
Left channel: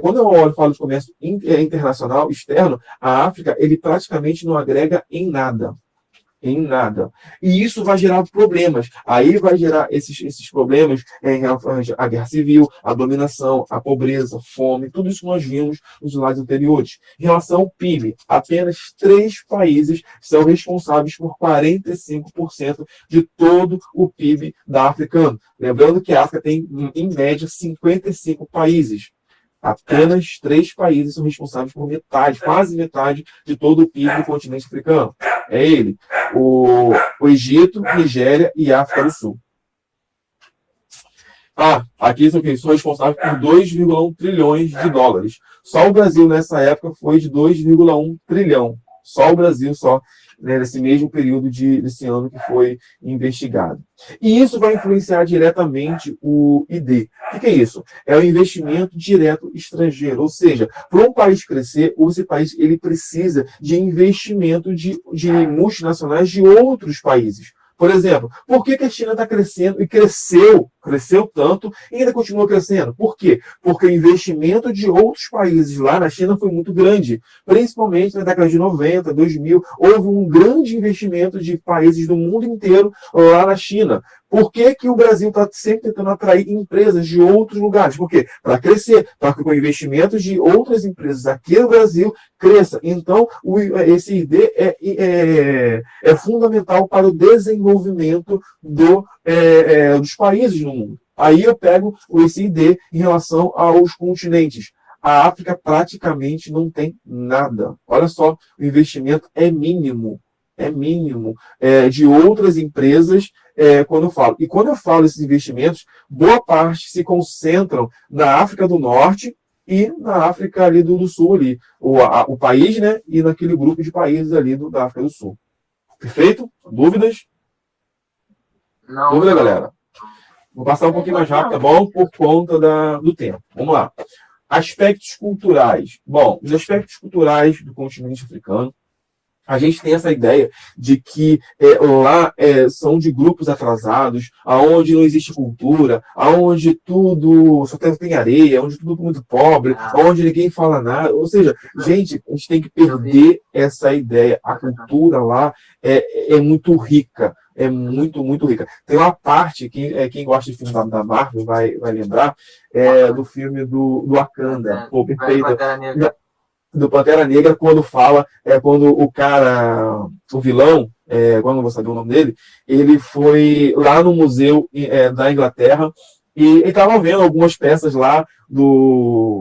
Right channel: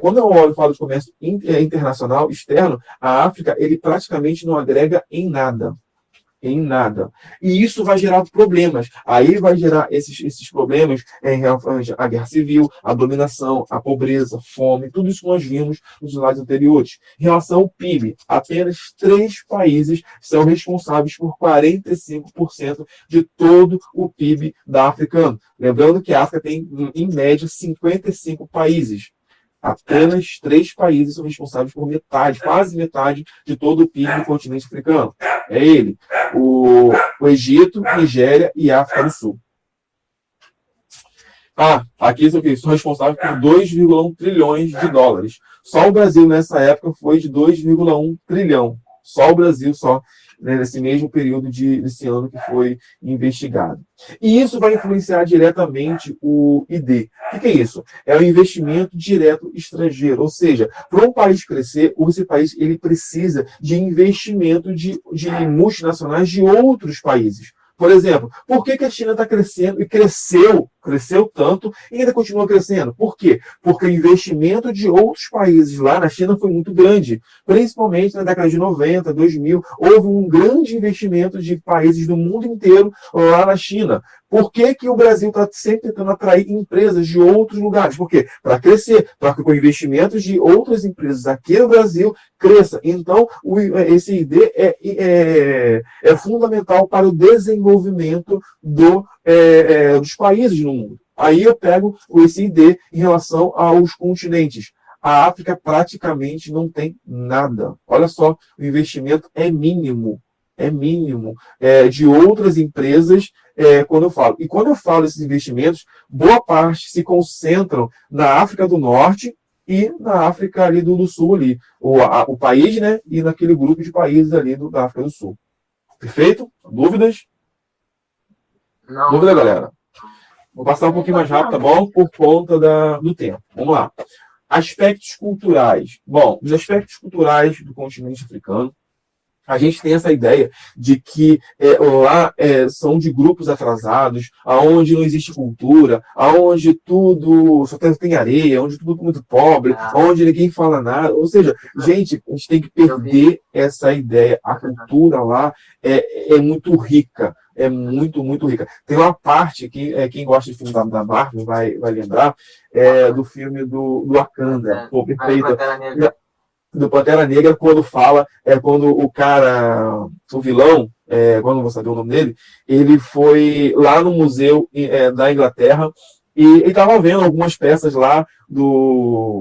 quando eu falo de comércio internacional, externo, a África, ele praticamente não agrega em nada. Em nada. E isso vai gerar problemas. Aí vai gerar esses problemas em relação à guerra civil, à dominação, à pobreza, fome, tudo isso que nós vimos nos slides anteriores. Em relação ao PIB, apenas 3 países são responsáveis por 45% de todo o PIB da África. Lembrando que a África tem, em média, 55 países. Apenas 3 países são responsáveis por metade, quase metade de todo o PIB do continente africano. É ele, o Egito, Nigéria e África do Sul. Aqui são responsáveis por 2,1 trilhões de dólares. Só o Brasil, nessa época, foi de 2,1 trilhão. Só o Brasil, nesse mesmo período desse ano que foi investigado. E isso vai influenciar diretamente o ID. O que é isso? É o investimento direto estrangeiro. Ou seja, para um país crescer, esse país ele precisa de investimento de multinacionais de outros países. Por exemplo, por que a China está crescendo e cresceu tanto e ainda continua crescendo? Por quê? Porque o investimento de outros países lá na China foi muito grande. Principalmente na década de 90, 2000, houve um grande investimento de países do mundo inteiro lá na China. Por que o Brasil está sempre tentando atrair empresas de outros lugares? Por quê? Para crescer, para que com investimentos de outras empresas aqui no Brasil cresça. Então, esse ID é fundamental para o desenvolvimento dos países no mundo. Aí eu pego esse ID em relação aos continentes. A África praticamente não tem nada. Olha só, o investimento é mínimo. É mínimo. De outras empresas, quando eu falo. E quando eu falo desses investimentos, boa parte se concentram na África do Norte e na África ali do Sul, ali. O país, né? E naquele grupo de países ali da África do Sul. Perfeito? Dúvidas? Não. Dúvida, galera? Vou passar um pouquinho mais rápido, tá bom? Por conta do tempo. Vamos lá. Aspectos culturais. Bom, os aspectos culturais do continente africano, a gente tem essa ideia de que lá são de grupos atrasados, aonde não existe cultura, aonde tudo só tem areia, onde tudo é muito pobre, aonde ninguém fala nada. Ou seja, gente, a gente tem que perder essa ideia. A cultura lá é muito rica. É muito, muito rica. Tem uma parte, quem gosta de filme da Marvel vai lembrar, do filme do Wakanda. Pô, perfeito. Do Pantera Negra, quando quando o cara, o vilão, quando não vou saber o nome dele, ele foi lá no museu da Inglaterra e ele estava vendo algumas peças lá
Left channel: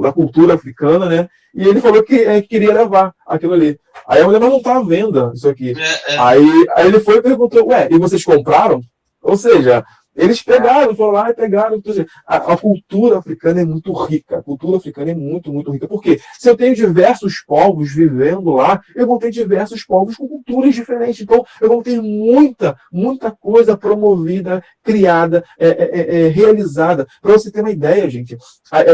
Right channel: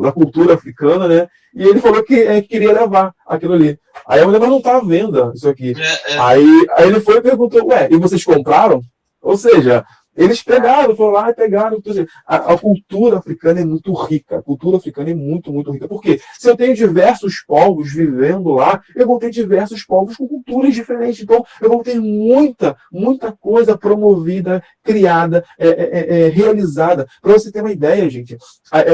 da cultura africana, né? E ele falou que queria levar aquilo ali. Aí a mulher, mas não está à venda isso aqui. Aí ele foi e perguntou, e vocês compraram? Ou seja, eles foram lá e pegaram. A cultura africana é muito rica. A cultura africana é muito, muito rica. Por quê? Se eu tenho diversos povos vivendo lá, eu vou ter diversos povos com culturas diferentes. Então, eu vou ter muita, muita coisa promovida, criada, realizada. Para você ter uma ideia, gente,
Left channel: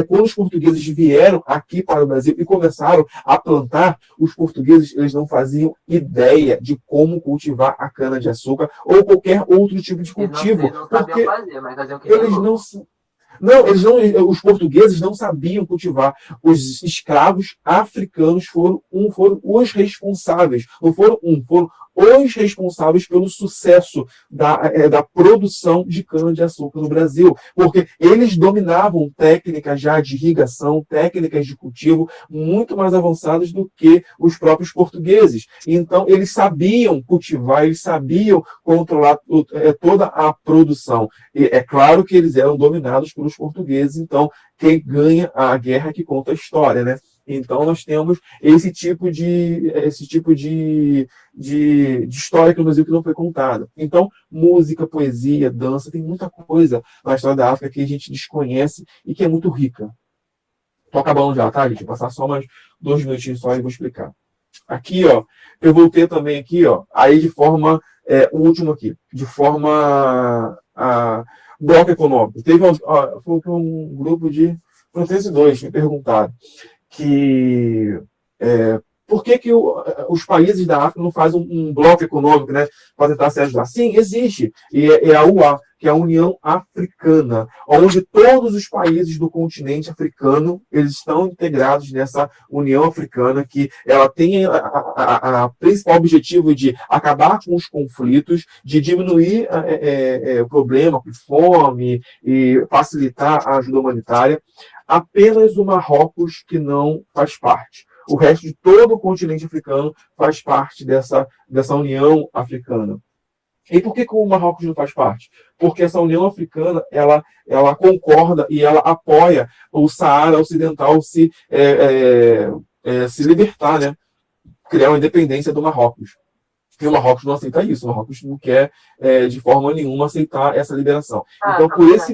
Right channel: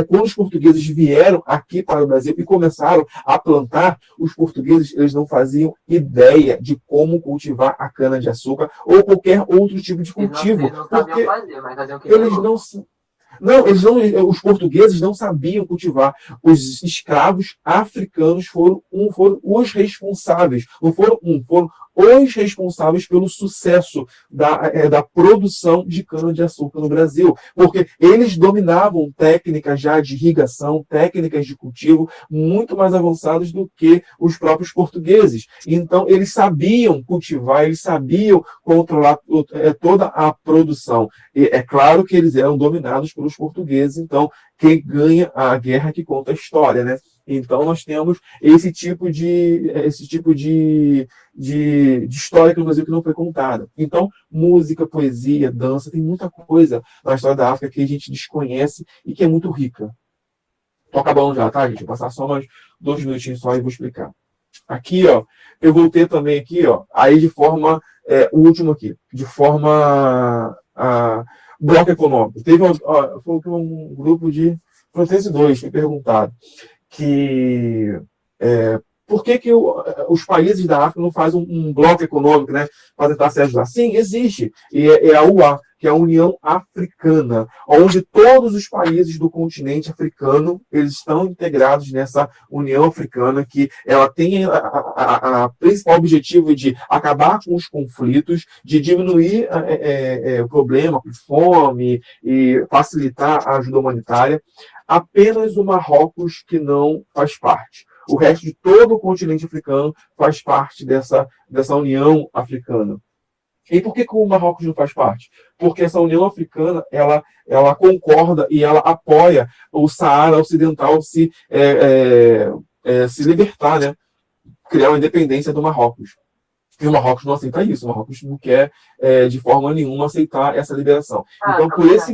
quando os portugueses vieram aqui para o Brasil e começaram a plantar, os portugueses eles não faziam ideia de como cultivar a cana-de-açúcar ou qualquer outro tipo de cultivo. Porque os portugueses não sabiam cultivar. Os escravos africanos foram os responsáveis. Não foram foram os responsáveis pelo sucesso da produção de cana-de-açúcar no Brasil, porque eles dominavam técnicas já de irrigação, técnicas de cultivo muito mais avançadas do que os próprios portugueses. Então, eles sabiam cultivar, eles sabiam controlar toda a produção. E é claro que eles eram dominados pelos portugueses, então quem ganha a guerra é que conta a história, né? Então, nós temos esse tipo de história aqui no Brasil que não foi contada. Então, música, poesia, dança, tem muita coisa na história da África que a gente desconhece e que é muito rica. Estou acabando já, tá, gente? Vou passar só mais 2 minutinhos só e vou explicar. Aqui, ó, eu voltei também aqui, ó, aí de forma, o último aqui, de forma bloco econômico. Teve um grupo de Frontense 2 me perguntaram que por que os países da África não fazem um bloco econômico, né, para tentar se ajudar? Sim, existe. E é a UA, que é a União Africana, onde todos os países do continente africano eles estão integrados nessa União Africana, que ela tem a principal objetivo de acabar com os conflitos, de diminuir o problema com fome e facilitar a ajuda humanitária. Apenas o Marrocos que não faz parte. O resto de todo o continente africano faz parte dessa União Africana. E por que o Marrocos não faz parte? Porque essa União Africana ela concorda e ela apoia o Saara Ocidental se libertar, né? Criar uma independência do Marrocos. E o Marrocos não aceita isso. O Marrocos não quer, de forma nenhuma, aceitar essa liberação. Então, por esse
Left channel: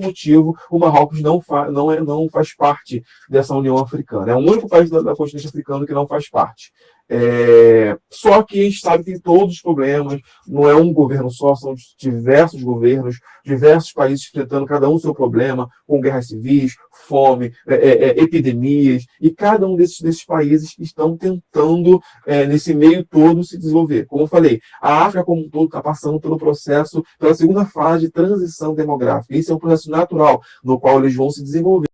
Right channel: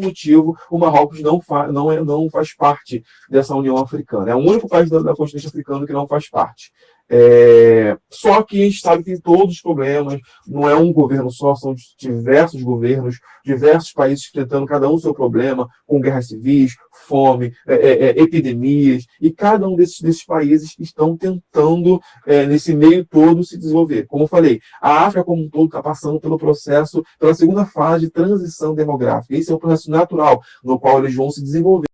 motivo, o Marrocos não faz parte dessa União Africana. É o único país da continente africano que não faz parte. Só que a gente sabe que tem todos os problemas, não é um governo só, são diversos governos, diversos países enfrentando cada um o seu problema, com guerras civis, fome, epidemias, e cada um desses países estão tentando, nesse meio todo, se desenvolver. Como eu falei, a África como um todo está passando pela segunda fase de transição demográfica. Isso é um processo natural, no qual eles vão se desenvolver.